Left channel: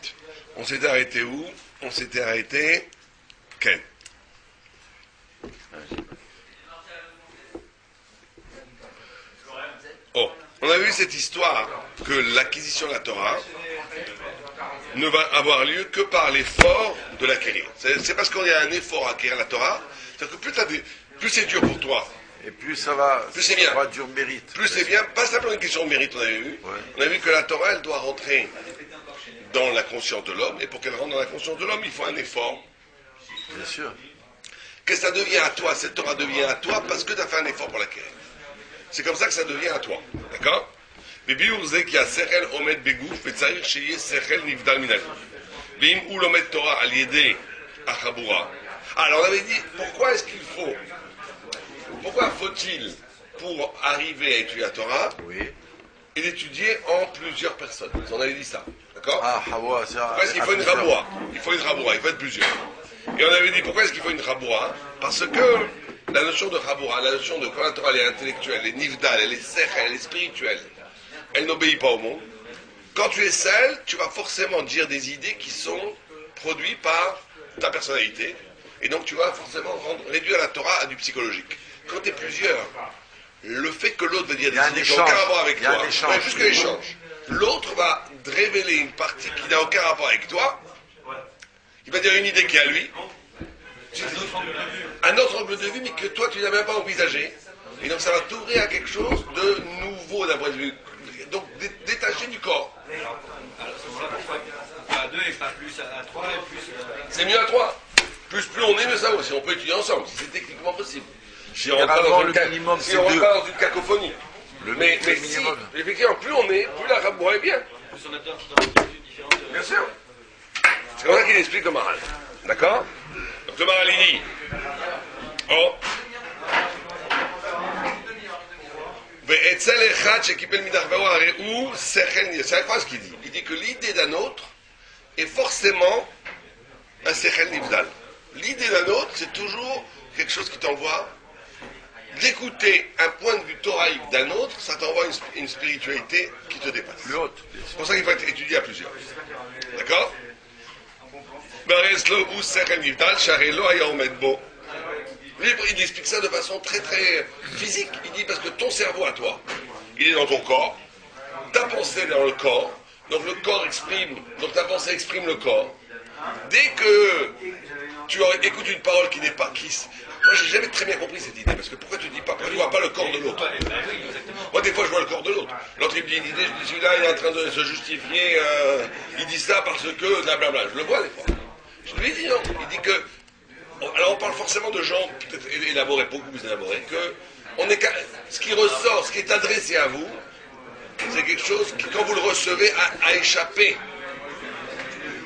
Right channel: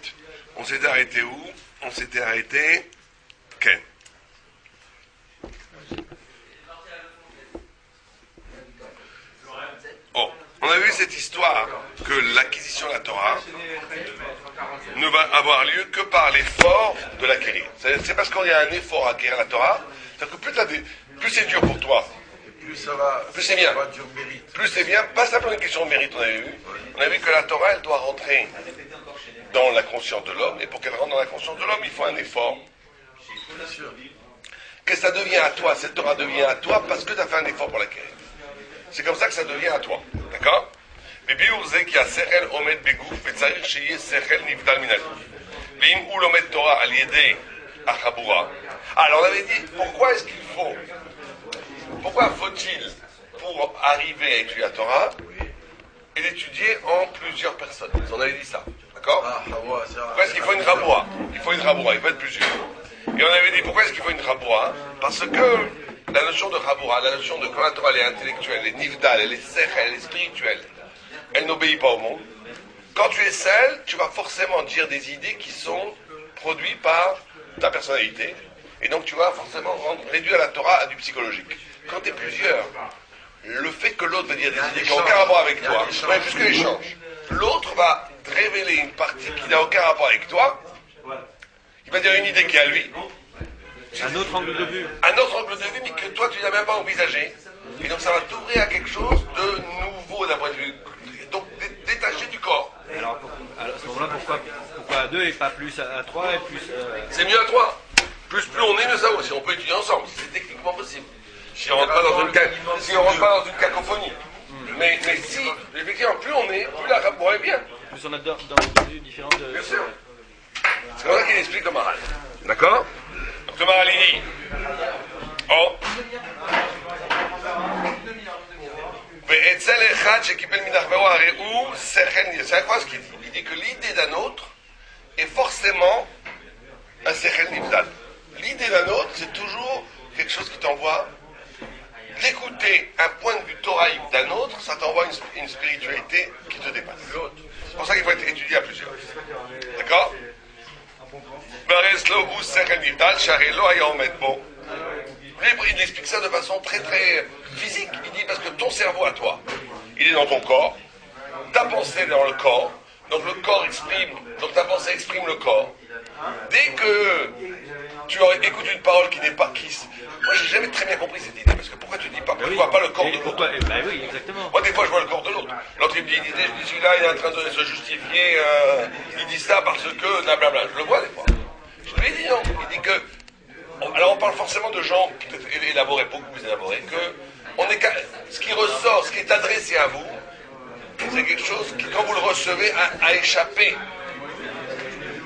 8. On s'était arrêté où? On s'était arrêté... Ken. Oh, on a vu cette histoire que l'acquisition de la Torah ne va avoir lieu que par l'effort de l'acquérir. C'est parce qu'il y a un effort à acquérir la Torah, c'est-à-dire que plus c'est dur pour toi, et plus ça va, plus c'est bien. Du mérite. Plus c'est bien, pas simplement une question de mérite, on avait vu. On a vu que la Torah, elle doit rentrer dans la conscience de l'homme, et pour qu'elle rentre dans la conscience de l'homme, il faut un effort. Bien sûr. Que ça devient à toi, cette Torah devient à toi parce que tu as fait un effort pour l'acquérir. C'est comme ça que ça devient à toi. D'accord? Alors on avait dit, pourquoi est-ce qu'il faut, pourquoi faut-il, pour arriver à étudier la Torah, et l'étudier en plusieurs personnes? On avait dit ça. D'accord? Pourquoi est-ce qu'il faut une raboua? Il faut une raboua, il faut être plusieurs. Et on avait dit, pourquoi est-ce qu'il faut une raboua? Parce que la notion de raboua, la notion de quand la Torah elle est intellectuelle, elle est nifdal, elle est sechel, elle est spirituelle, elle n'obéit pas au monde. Quand tu es seul, tu vas forcément dire des idées qui sont produites par ta personnalité, et donc tu vas forcément réduire la Torah à du psychologique. Quand tu es plusieurs, le fait que l'autre va dire des idées qui n'ont aucun rapport avec toi, mais plus que l'échange, l'autre va révéler une partie qui n'a aucun rapport avec toi, il va dire une idée qui est à lui, un autre angle de vue. Un autre angle de vue, mais que toi tu n'as même pas envisagé. Et donc ça va t'ouvrir à quelque chose de nouveau d'un point de vue. Donc détaché du corps. Alors à ce moment-là, pourquoi à 2 et pas plus à 3 et plus... C'est mieux à 3. Plus on est, mieux ça vaut. Si on peut étudier ensemble, si c'est techniquement possible. Si on rentre pas dans une cacophonie. Mais si, effectivement, plus on est, plus la raboua est bien. Plus on a dans des différentes... Bien sûr. C'est comme ça qu'il explique le Maharal. D'accord? Donc le Maharal il dit, oh, c'est incroyable ce qu'il dit. Il dit que l'idée d'un autre est forcément un sechel nifdal. L'idée d'un autre, c'est toujours quelque chose qui t'envoie d'écouter un point de vue thoraïque d'un autre, ça t'envoie une spiritualité qui te dépasse. C'est pour ça qu'il faut être étudié à plusieurs. D'accord? Il explique ça de façon très très physique. Il dit parce que ton cerveau à toi, il est dans ton corps, ta pensée est dans le corps, donc le corps exprime, donc ta pensée exprime le corps. Dès que tu écoutes une parole qui n'est pas kiss, moi j'ai jamais très bien compris cette idée, parce que pourquoi tu dis pas, pourquoi tu vois pas le corps de l'autre? Oui, exactement. Moi des fois je vois le corps de l'autre. L'autre il me dit une idée, je dis celui-là il est en train de se justifier, il dit ça parce que blablabla. Je le vois des fois. Je lui ai dit non, il dit que. Alors on parle forcément de gens peut-être élaborés, beaucoup plus élaborés, que ce qui ressort, ce qui est adressé à vous, c'est quelque chose qui, quand vous le recevez, a échappé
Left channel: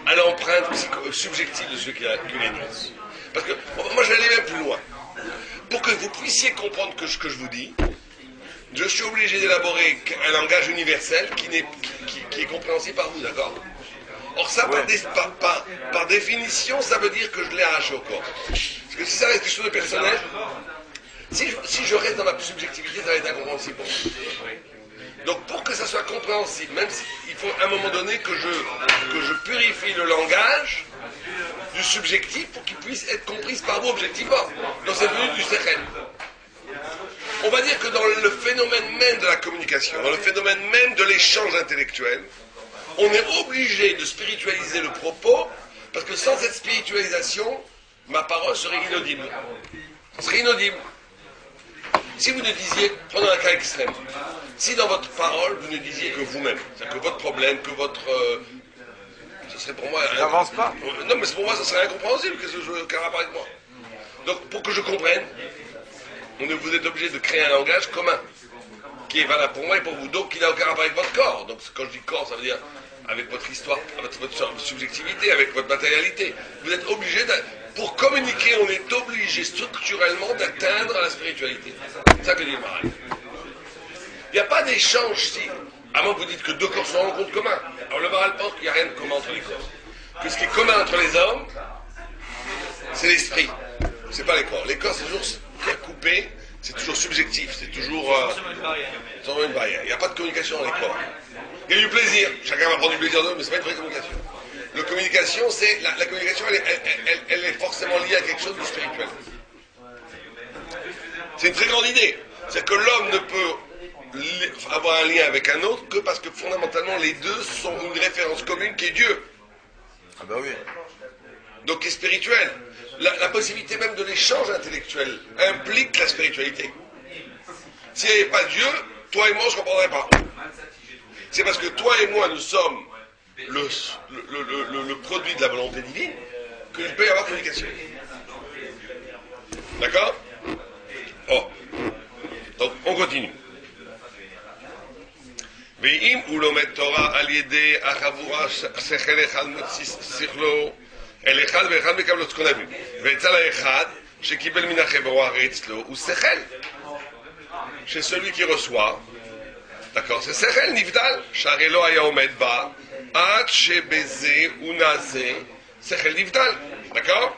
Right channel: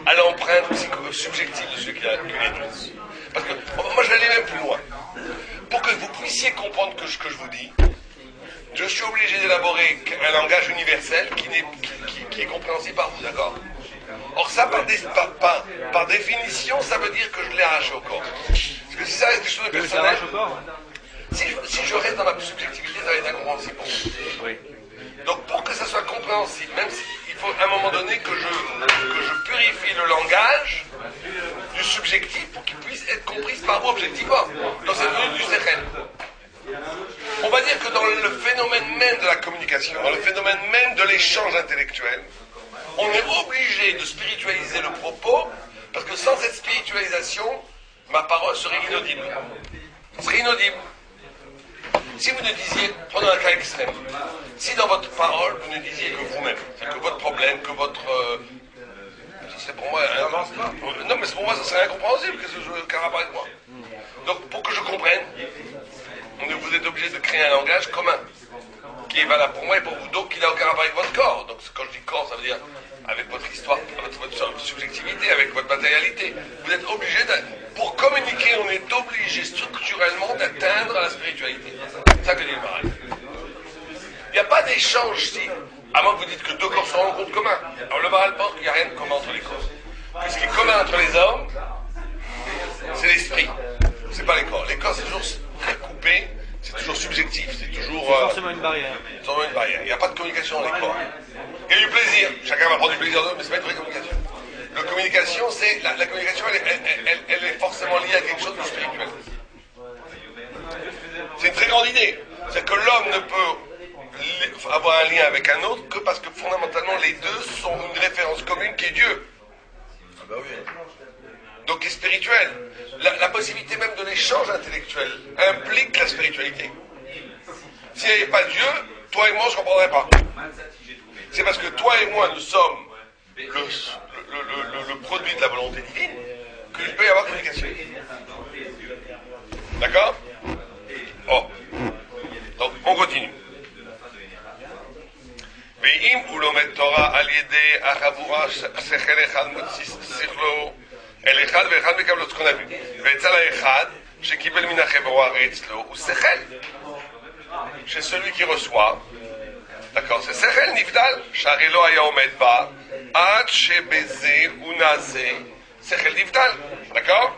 à l'empreinte subjective de celui qui l'énonce. Parce que moi je vais aller même plus loin. Pour que vous puissiez comprendre ce que je vous dis, je suis obligé d'élaborer un langage universel qui est compréhensible par vous, d'accord? Or ça, par définition, ça veut dire que je l'ai arraché au corps. Parce que si ça reste quelque chose de personnel, si je reste dans ma subjectivité, ça va être incompréhensible pour vous. Donc pour que ça soit compréhensible, même il faut à un moment donné que je purifie le langage du subjectif pour qu'il puisse être compris par vous objectivement. Donc c'est venu du sechel. On va dire que dans le phénomène même de la communication, dans le phénomène même de l'échange intellectuel, on est obligé de spiritualiser le propos, parce que sans cette spiritualisation, ma parole serait inaudible. Ce serait inaudible. Si vous ne disiez, prenons un cas extrême, si dans votre parole, vous ne disiez que vous-même, c'est que votre problème, que votre... ce serait pour moi... n'avance pas. Non, mais pour moi, ça serait incompréhensible, qu'un rapport avec moi. Donc, pour que je comprenne, vous êtes obligé de créer un langage commun, qui est valable pour moi et pour vous, donc qui n'a aucun rapport avec votre corps. Donc, quand je dis corps, ça veut dire avec votre histoire, votre subjectivité, avec votre matérialité. Vous êtes obligé pour communiquer, on est obligé structurellement d'atteindre la spiritualité. C'est ça que dit le Maharal. Il n'y a pas d'échange si, à moins que vous dites que deux corps se rencontrent communs. Alors le Maharal pense qu'il n'y a rien de commun entre les corps. Que ce qui est commun entre les hommes, c'est l'esprit. C'est pas les corps. Les corps, c'est toujours coupé, c'est toujours subjectif, c'est toujours... forcément une barrière. Toujours une barrière. Il n'y a pas de communication dans les corps. Il y a du plaisir. Chacun va prendre du plaisir d'eux, mais c'est pas une vraie communication. La communication, c'est la communication, elle est forcément liée à quelque chose de spirituel. C'est une très grande idée. C'est que l'homme ne peut avoir un lien avec un autre que parce que fondamentalement les deux sont une référence commune qui est Dieu. Ah bah oui. Donc qui est spirituel. La possibilité même de l'échange intellectuel implique la spiritualité. S'il n'y avait pas Dieu, toi et moi on ne se comprendrait pas. C'est parce que toi et moi nous sommes le produit de la volonté divine qu'il peut y avoir communication. D'accord? Oh. Donc on continue. ואם הוא לומד תורה על ידי החבורה שכל אחד מוציא שכלו אל אחד ואחד מקבל את כל אביו ואצל האחד שקיבל מן החבורה הרי אצלו הוא שכל chez celui qui reçoit, d'accord, c'est שכל נבדל שהרי לא היה עומד בה עד שבזה הוא נעשה שכל נבדל, d'accord?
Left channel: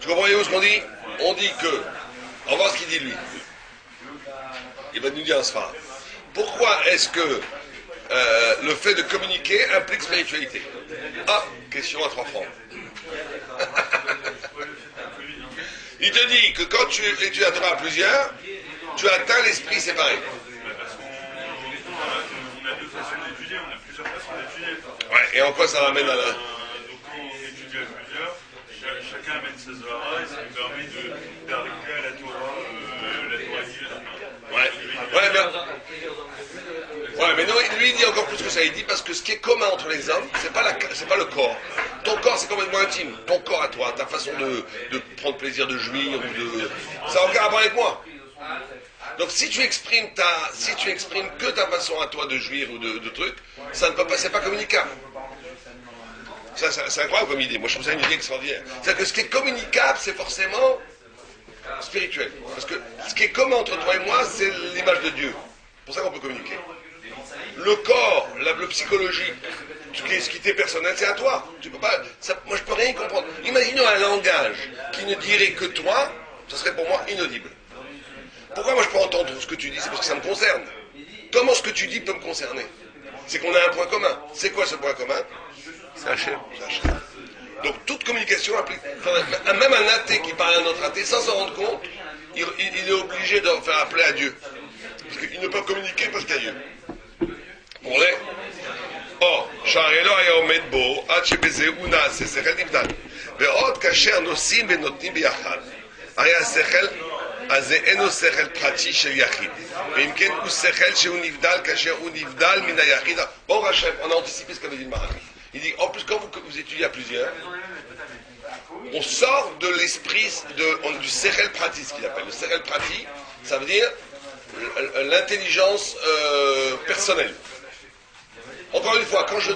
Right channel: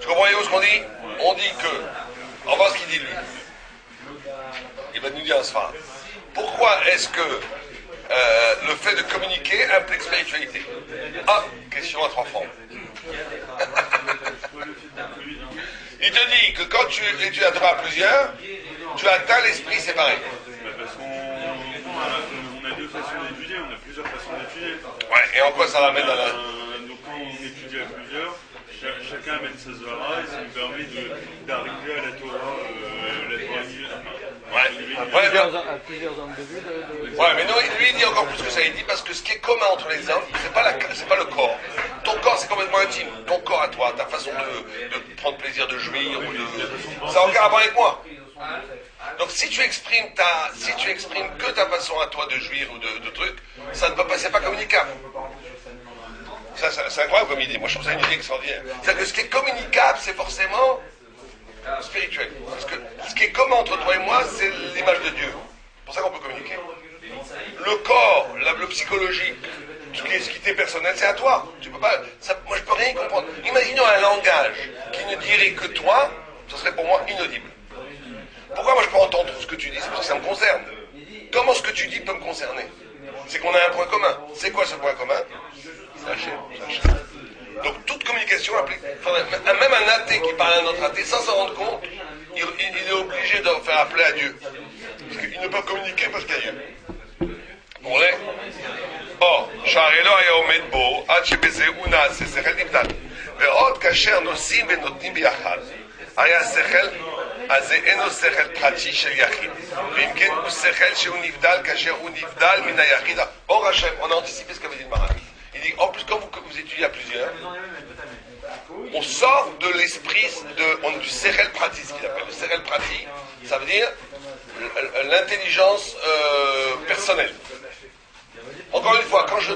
Tu comprends ce qu'on dit? On dit que, on va voir ce qu'il dit lui. Il va nous dire un sphère. Pourquoi est-ce que le fait de communiquer implique spiritualité? Ah, question à 3 francs. Il te dit que quand tu étudies la Torah à plusieurs, tu atteins l'esprit séparé. Parce qu'on a deux façons d'étudier, on a plusieurs façons d'étudier. Ouais, et en quoi ça ramène à la... Donc quand on étudie à plusieurs, chacun amène ses zohara et ça nous permet d'arriver à la Torah Ouais, mais non, lui il dit encore plus que ça. Il dit parce que ce qui est commun entre les hommes, c'est pas le corps. Ton corps c'est complètement intime. Ton corps à toi, ta façon de prendre plaisir, de jouir, ça n'a aucun rapport avec moi. Donc si tu exprimes que ta façon à toi de jouir ou de trucs, ça ne peut pas, c'est pas communicable. Ça, c'est incroyable comme idée. Moi, je trouve ça une idée extraordinaire. C'est-à-dire que ce qui est communicable, c'est forcément spirituel. Parce que ce qui est commun entre toi et moi, c'est l'image de Dieu. C'est pour ça qu'on peut communiquer. Le corps, le psychologique, ce qui t'est personnel, c'est à toi. Tu peux pas. Moi, je peux rien y comprendre. Imaginons un langage qui ne dirait que toi, ce serait pour moi inaudible. Pourquoi moi je peux entendre ce que tu dis? C'est parce que ça me concerne. Comment ce que tu dis peut me concerner? C'est qu'on a un point commun. C'est quoi ce point commun? C'est Hachem. Donc toute communication implique. Même un athée qui parle à un autre athée sans s'en rendre compte, il est obligé de faire appeler à Dieu. Parce qu'ils ne peuvent communiquer parce qu'il y a Dieu. Vous voyez? Or, שהרי היה עומד בו עד שבזה הוא נעשה שכל נבדל. ועוד כאשר נושאים ונותנים ביחד, היה שכל, אז זה אינו שכל פרטי של יחיד. ואם כן הוא שכל שהוא נבדל כאשר הוא נבדל מן היחיד. Or Hachem, on a anticipé ce qu'avait dit le Maharal. Il dit, en plus, quand vous étudiez à plusieurs, on sort de l'esprit du Sechel Prati, ce qu'il appelle. Le Sechel Prati, ça veut dire l'intelligence personnelle. Encore une fois, quand je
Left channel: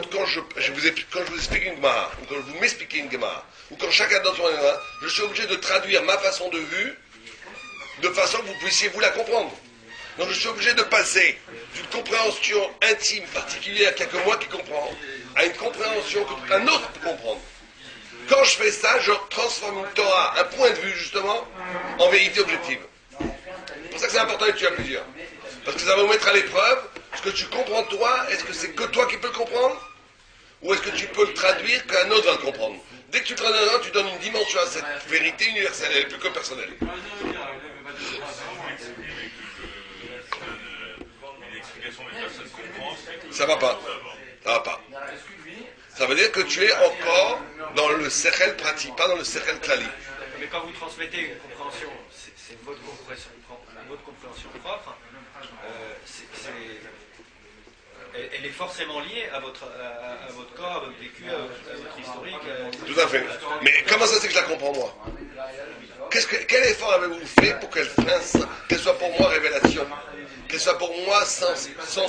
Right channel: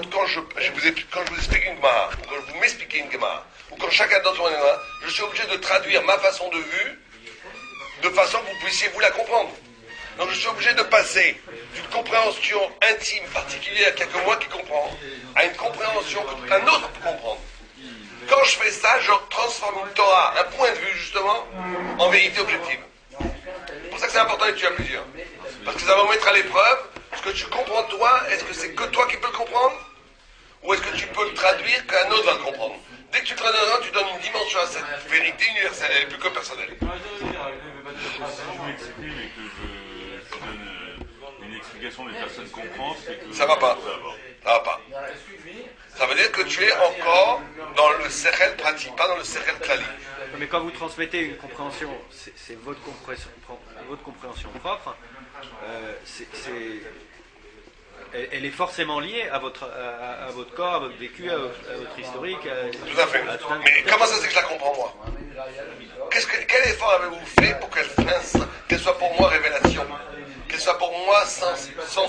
vous explique une Gemara, ou quand vous m'expliquez une Gemara, ou quand chacun d'autre est là, je suis obligé de traduire ma façon de vue de façon que vous puissiez vous la comprendre. Donc je suis obligé de passer d'une compréhension intime, particulière, qu'il n'y a que moi qui comprends, à une compréhension qu'un autre peut comprendre. Quand je fais ça, je transforme une Torah, un point de vue justement, en vérité objective. C'est pour ça que c'est important d'étudier à plusieurs. Parce que ça va vous mettre à l'épreuve, ce que tu comprends toi, est-ce que c'est que toi qui peux le comprendre? Ou est-ce que tu peux le traduire qu'un autre va le comprendre? Dès que tu traduis un autre, tu donnes une dimension à cette vérité universelle, elle n'est plus que personnelle. Si je m'exprime et que je donne une explication mais personne comprend, c'est que ça va pas. Ça va pas. Ça veut dire que tu es encore dans le Sechel Prati, pas dans le Sechel Klali. Mais quand vous transmettez une compréhension, c'est votre compréhension propre, elle est forcément liée à votre corps, à votre vécu, à votre historique. Tout à fait. Mais comment ça c'est que je la comprends moi? Quel effort avez-vous fait pour qu'elle soit pour moi révélation, qu'elle soit pour moi sens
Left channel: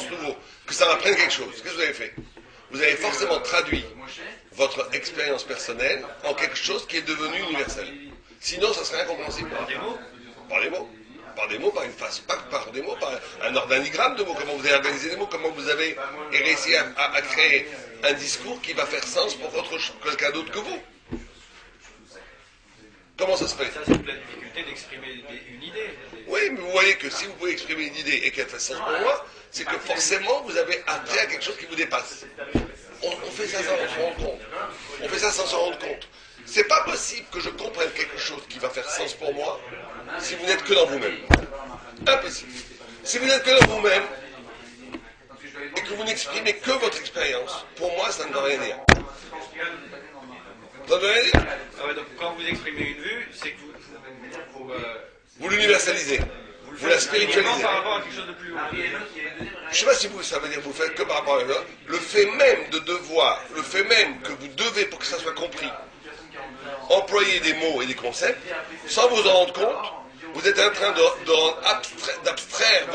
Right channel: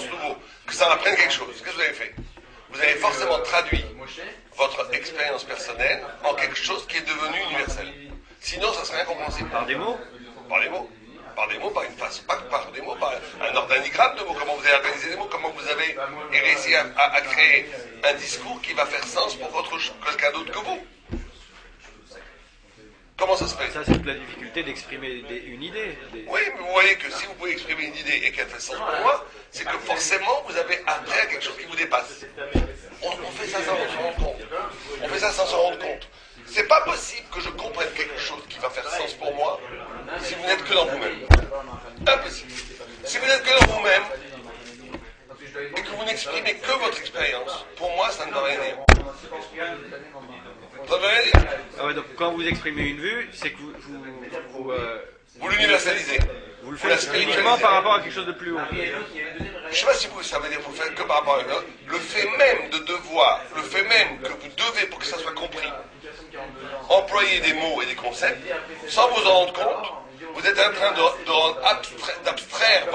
nouveau, que ça m'apprenne quelque chose? Qu'est-ce que vous avez fait? Vous avez forcément traduit votre expérience personnelle en quelque chose qui est devenu universel. Sinon, ça serait incompréhensible. Par des mots? Par les mots. Par des mots, par une façon, pas par des mots, par un organigramme de mots. Comment vous avez organisé les mots, comment vous avez réussi à créer un discours qui va faire sens pour quelqu'un d'autre que vous. Comment ça se fait? Ça, c'est la difficulté d'exprimer une idée. Oui, mais vous voyez que si vous pouvez exprimer une idée et qu'elle fait sens pour moi, c'est que forcément vous avez accès à quelque chose qui vous dépasse. on fait ça sans s'en rendre compte. On fait ça sans s'en rendre compte. C'est pas possible que je comprenne quelque chose qui va faire sens pour moi si vous n'êtes que dans vous-même. Impossible. Si vous n'êtes que dans vous-même et que vous n'exprimez que votre expérience, pour moi, ça ne veut rien dire. Ça ne veut rien dire. Ah ouais, donc quand vous exprimez une vue, c'est que Vous l'universalisez. Vous la spiritualisez. par rapport à quelque chose de plus haut. Je ne sais pas si ça veut dire que vous le faites que par rapport à l'autre. Le fait même de devoir, le fait même que vous devez, pour que ça soit compris, employer des mots et des concepts, sans vous en rendre compte, vous êtes en train d'abstraire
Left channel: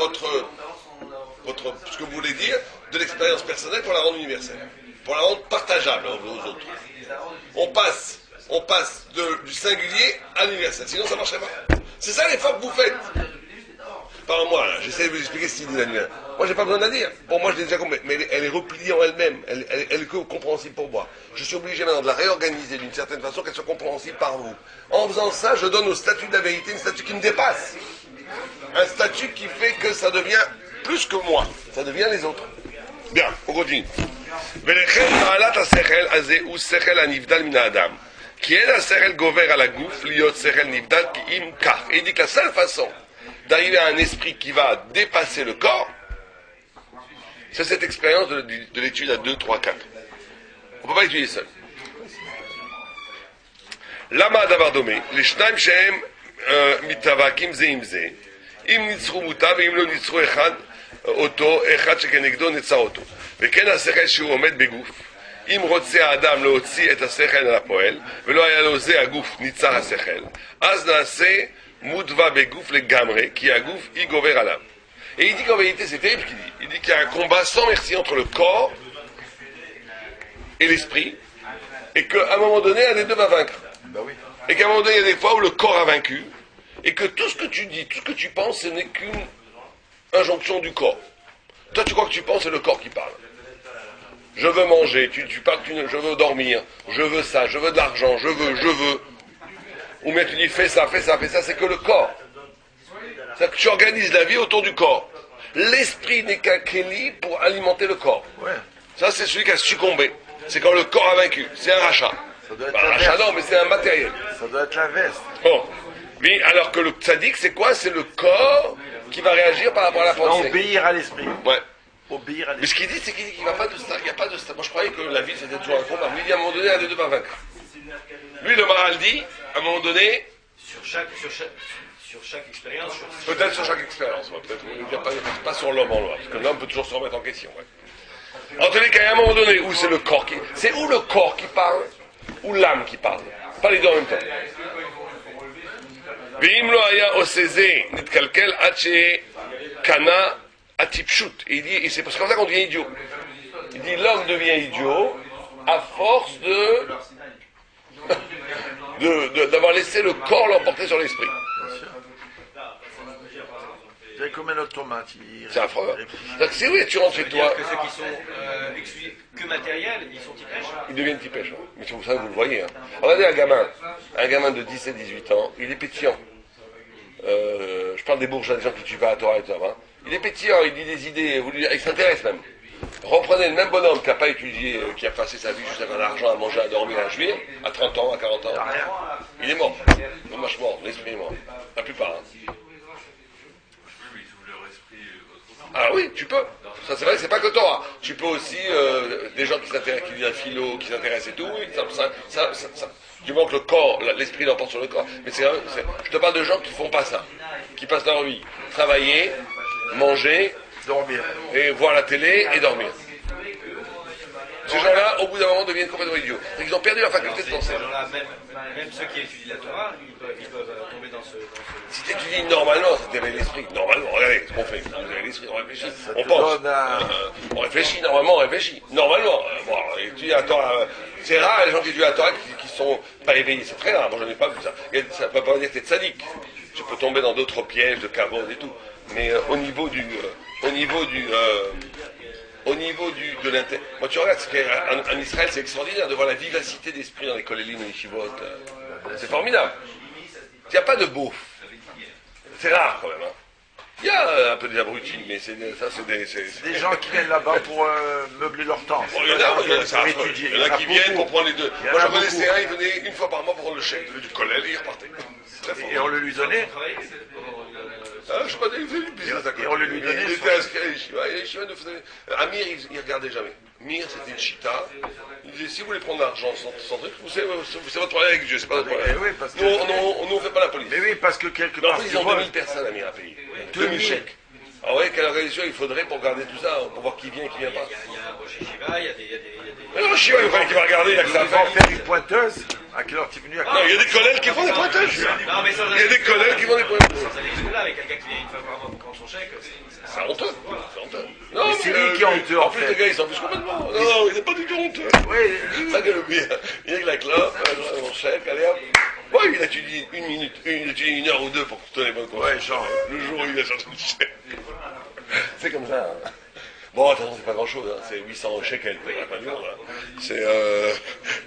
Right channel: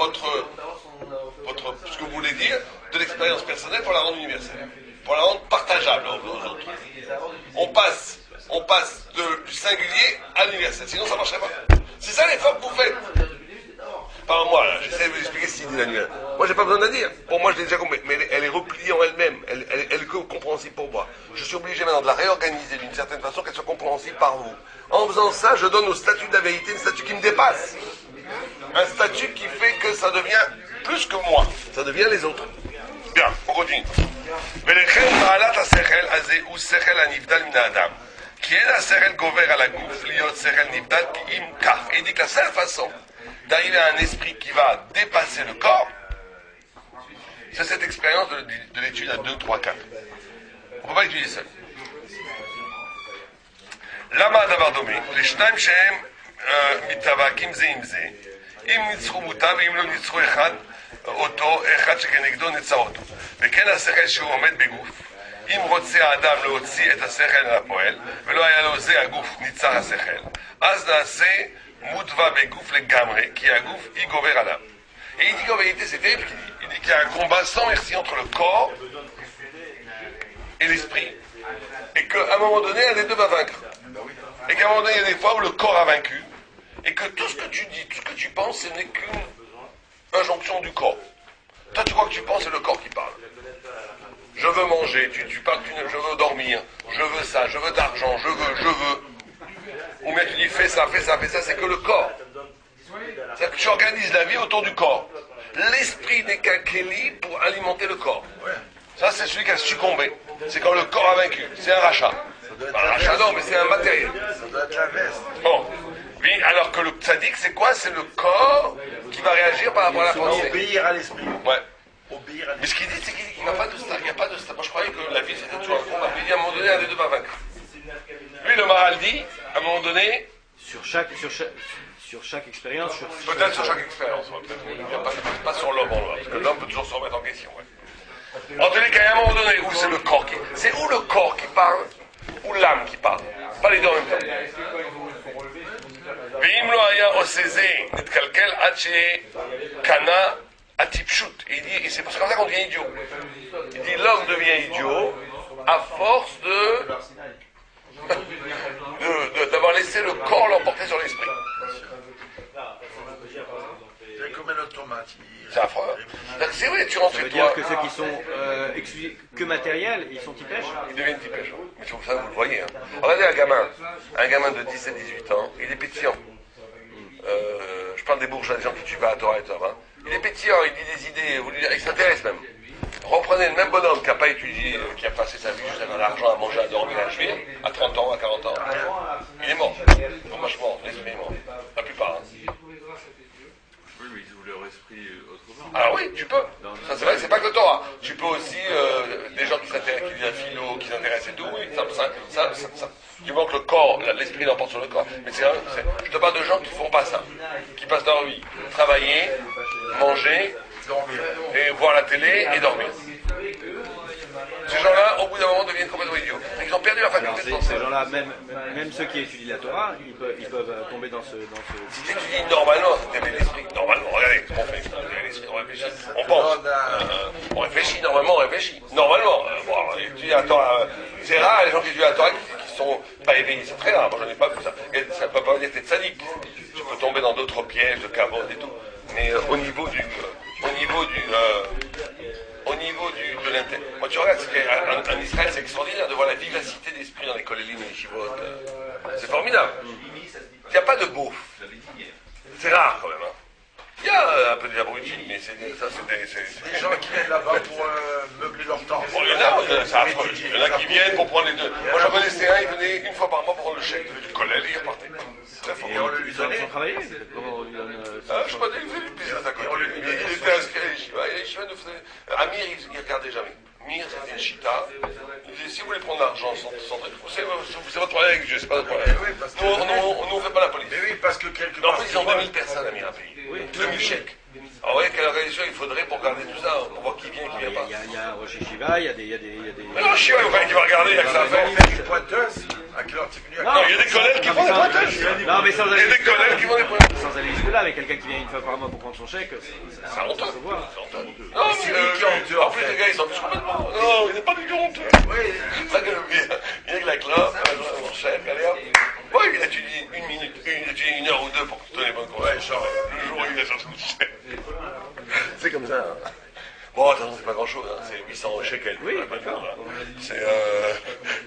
ce que vous voulez dire de l'expérience personnelle pour la rendre universelle, pour la rendre partageable aux autres. On passe du singulier à l'universel, sinon ça ne marcherait pas. C'est ça l'effort que vous faites. Par moi, là, j'essaie de vous expliquer ce qu'il dit Daniel. Moi, j'ai pas besoin de la dire. Bon, moi, je l'ai déjà compris, mais elle est repliée en elle-même. Elle est compréhensible pour moi. Je suis obligé maintenant de la réorganiser d'une certaine façon, qu'elle soit compréhensible par vous. En faisant ça, je donne au statut de la vérité un statut qui me dépasse. Un statut qui fait que ça devient plus que moi. Ça devient les autres. Bien, on continue. ולכן מעלת השכל הזה הוא שכל הנבדל מן האדם. כי אין השכל גובר על הגוף להיות שכל נבדל כי אם כך. Et il dit que la seule façon d'arriver à un esprit qui va dépasser le corps, c'est cette expérience de l'étude à 2, 3, 4. On ne peut pas l'étudier seul. למה הדבר דומה? לשניים שהם מתאבקים זה עם זה. אם ניצחו מוטה ואם לא ניצחו אותו, אחד שכנגדו נצר אותו. וכן השכל שהוא עומד בגוף. אם רוצה האדם להוציא את השכל אל הפועל, ולא היה לו זה הגוף ניצר השכל, אז נעשה מודווה בגוף לגמרי, כי הגוף y גובר עליו. Et il dit qu'en vérité, c'est terrible ce qu'il dit. Il dit qu'il y a un combat sans merci entre le corps et l'esprit, et qu'à un moment donné, un des deux va vaincre. Et qu'à un moment donné, il y a des fois où le corps a vaincu, et que tout ce que tu dis, tout ce que tu penses, ce n'est qu'une injonction du corps. Toi, tu crois que tu penses, c'est le corps qui parle. Je veux manger, tu parles, je veux dormir, je veux ça, je veux de l'argent, je veux. Ou bien tu dis fais ça, c'est que le corps. C'est que tu organises la vie autour du corps. L'esprit n'est qu'un kéli pour alimenter le corps. Ça, c'est celui qui a succombé. C'est quand le corps a vaincu. C'est un rachat. Un rachat, non, mais c'est un matériel. Ça doit être l'inverse. Bon. Oui, alors que le tzaddik, c'est quoi? C'est le corps qui va réagir par rapport à la pensée. Obéir à l'esprit. Ouais. Obéir à Mais l'esprit. ce qu'il dit, c'est qu'il n'y a pas de ça. Il n'y a pas de ça. Moi, je croyais que la vie, c'était toujours un combat. Mais il dit à un moment donné, un des deux va vaincre. Lui, le Maharal dit, à un moment donné, Sur chaque expérience. peut-être sur chaque expérience, ouais, peut-être. Pas sur l'homme en l'homme, parce que l'homme peut toujours se remettre en question. Ouais. En tous les cas, à un moment donné, où c'est le corps qui... C'est où le corps qui parle, ou l'âme qui parle. Pas les deux en même temps. ואם לא היה עושה זה, נתקלקל עד שקנה הטיפשות. Il dit, et c'est parce que comme ça qu'on devient idiot. Il dit, l'homme devient idiot à force d'avoir laissé le corps l'emporter sur l'esprit. C'est comme un automate. C'est affreux. Donc si oui, tu rentres chez toi, C'est-à-dire que ceux qui sont que matériels, ils sont typèches. ils deviennent typèches. Mais c'est pour ça que vous le voyez. Hein. Regardez un gamin de 17-18 ans, il est pétillant. Je parle des bourgeois, des gens qui tuent pas à Torah et tout ça. Hein. Il est pétillant, il dit des idées, il s'intéresse même. Reprenez le même bonhomme qui n'a pas étudié, qui a passé sa vie juste à faire de l'argent, à manger, à dormir, à jouir, à 30 ans, à 40 ans. Il est mort. Franchement, l'esprit est mort. La plupart. Hein. Oui, mais ils ouvrent leur esprit autrement. Alors oui, tu peux. Ça c'est vrai, c'est pas que Torah. Tu peux aussi des gens qui s'intéressent, qui lisent un philo, qui s'intéressent et tout. Oui, ça. Du moment que le corps, l'esprit l'emporte sur le corps. Mais je te parle de gens qui font pas ça, qui passent leur vie travailler, manger, Dormir. et voir la télé et dormir. Ces gens-là, au bout d'un moment, deviennent complètement idiots. Ils ont perdu leur faculté de penser. Ces gens-là, même ceux qui étudient la Torah, ils peuvent tomber dans ce... Si tu étudies normalement, c'est d'élever l'esprit. Normalement, regardez ce qu'on fait. On élève l'esprit, on réfléchit. On pense. On réfléchit, normalement, on réfléchit. Normalement. Étudier la Torah. C'est rare les gens qui étudient la Torah qui sont pas éveillés. C'est très rare. Moi, je ne dis pas que ça. Ça ne peut pas dire que tu es tzaddik. Tu peux tomber dans d'autres pièges de cabot et tout. Mais au niveau de l'intérêt. Moi, tu regardes, en Israël, c'est extraordinaire de voir la vivacité d'esprit dans les kolélim et les yeshivot. C'est formidable. Il n'y a pas de beauf. C'est rare, quand même. Hein. Il y a un peu d'abrutis, mais ça c'est des... Des gens qui viennent là-bas pour meubler leur temps. Bon, il y en a, ça affreux. Il y en a qui viennent pour prendre les deux. Moi j'en connaissais un, il venait une fois par mois pour prendre le chèque du collège et il repartait. Et on le lui donnait. Je sais pas, il faisait du business à côté. Et on le lui donnait. Il était inscrit à l'Yeshiva. Et l'Yeshiva nous faisait... Amir, il regardait jamais. Mir, c'était une chita. Il disait, si vous voulez prendre l'argent sans truc, c'est votre problème avec Dieu, c'est pas notre problème. Oui, parce que- Nous, on fait pas la police. Mais oui, parce que quelque Non, en part. plus, ils ont 2000 personnes, Amir, à payer. 2000 chèques. Ah ouais, quelle organisation il faudrait pour garder tout ça, pour voir qui vient et qui vient pas. Il y a un Rosh Yeshiva, il y a des... Non, je sais pas, il fallait qu'il va regarder, il y a que ça à Ils vont faire. faire une pointeuse. À quelle heure tu es venu? Non, il y a des collègues qui font des pointeuses. Non, mais sans Il y a aller des collègues qui font des pointeuses. sans aller jusque-là, avec quelqu'un qui vient une fois par mois pour prendre son chèque, C'est honteux. C'est honteux. Non, mais c'est lui qui est honteux, en en plus, fait. les gars, ils s'en fichent complètement. Non, il n'est pas du tout honteux. Oui, Ça que le bien. Il est avec la classe, son chèque, allez hop. Oui, il étudie une minute, il étudie 1 heure ou 2 pour que tu donnes les bonnes conseils. Ouais, genre. Le jour où il a sorti le chèque. C'est comme ça. Hein. Bon, attention, c'est pas grand chose, hein. C'est 800 shekels. Oui, pas du tout, là.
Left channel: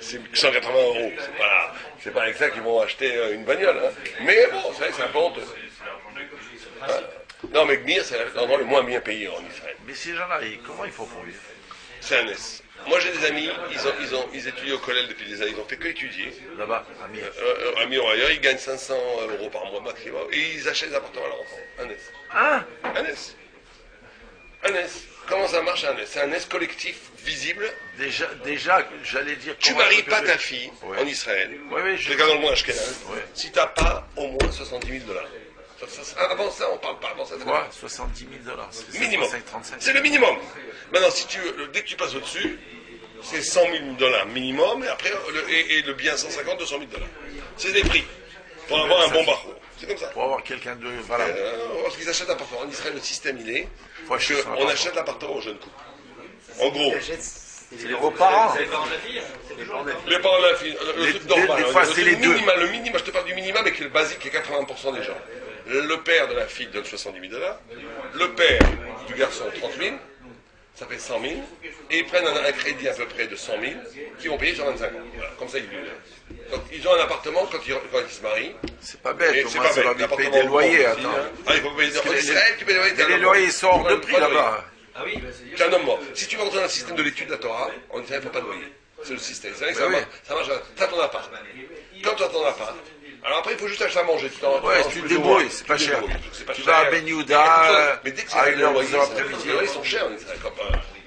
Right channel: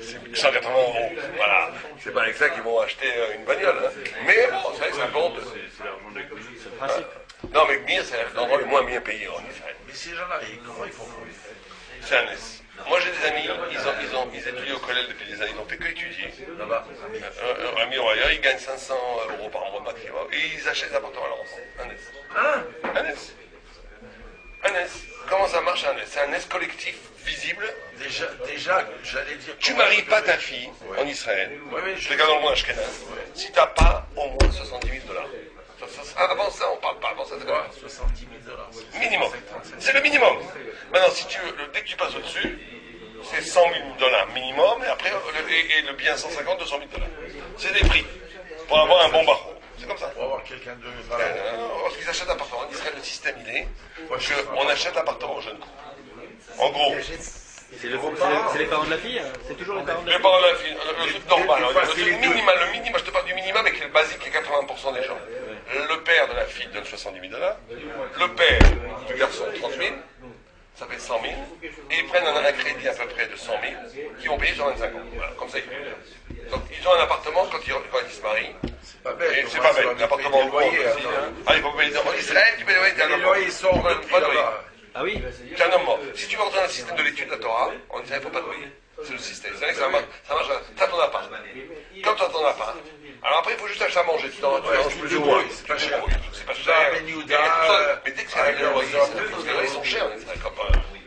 C'est 180 euros. Voilà. C'est pas avec ça qu'ils vont acheter une bagnole. Hein. Mais bon, c'est vrai que ça compte. Non, mais Gmir, c'est l'endroit le moins bien payé en Israël. mais ces gens-là, comment ils font pour vivre? C'est un S. Moi, j'ai des amis, ils étudient au collège depuis des années, ils ont fait que étudier. Là-bas, À Miroya, ils gagnent 500 euros par mois maximum. Et ils achètent des appartements à l'avance. Un S. Hein? Un S. Un S. Comment ça marche un S? C'est un S collectif visible. Déjà, j'allais dire. Tu comment maries est-ce que pas je- ta fille Ouais. en Israël. Ouais, mais Je regarde dans le monde ashkénaze. Si t'as pas au moins 70 000 dollars. Avant ça, on parle pas. Avant ça, c'est Quoi? 70 000 dollars. minimum. C'est le minimum. Maintenant, si tu veux, dès que tu passes au-dessus, c'est 100 000 dollars minimum, et après, le bien 150, 200 000 dollars. C'est des prix pour avoir un bon barreau. C'est comme ça. Pour avoir quelqu'un de. Voilà. Parce qu'ils achètent l'appartement. En Israël, le système, il est Faut acheter son qu'on appartement. achète l'appartement aux jeunes couples. En gros, C'est vos parents. C'est les parents de la fille, hein. C'est toujours les parents de la les fille. parents de la fille, le truc normal, des fois, c'est les deux. le minimum, je te parle du minimum, mais qui est le basique, qui est 80% des gens. Le père de la fille donne 70 000 dollars, le père du garçon 30 000, ça fait 100 000, et ils prennent un crédit à peu près de 100 000, qui vont payer sur 25 ans. Voilà, comme ça ils vivent. Donc ils ont un appartement quand ils se marient, C'est pas bête. et au c'est moins, pas ça va bête, lui payer l'appartement des loyers. Attends. Ah, il faut payer en Israël, tu payes des loyers, t'es un Les homme loyers mort. sont hors de prix Pas de loyer. là-bas. Ah oui? T'es un homme mort. Si tu rentres dans le système de l'étude de la Torah, on dirait qu'il ne faut pas de loyer. C'est le système. C'est vrai que ça marche. T'as ton appart. Quand tu as ton appart, alors après il faut juste acheter à manger. Ouais, tu te débrouilles, c'est pas cher. C'est pas Tu cher. vas à Ben Yehuda, Mais dès que à c'est une le heure, loyer, deux heures, les loyers sont chers,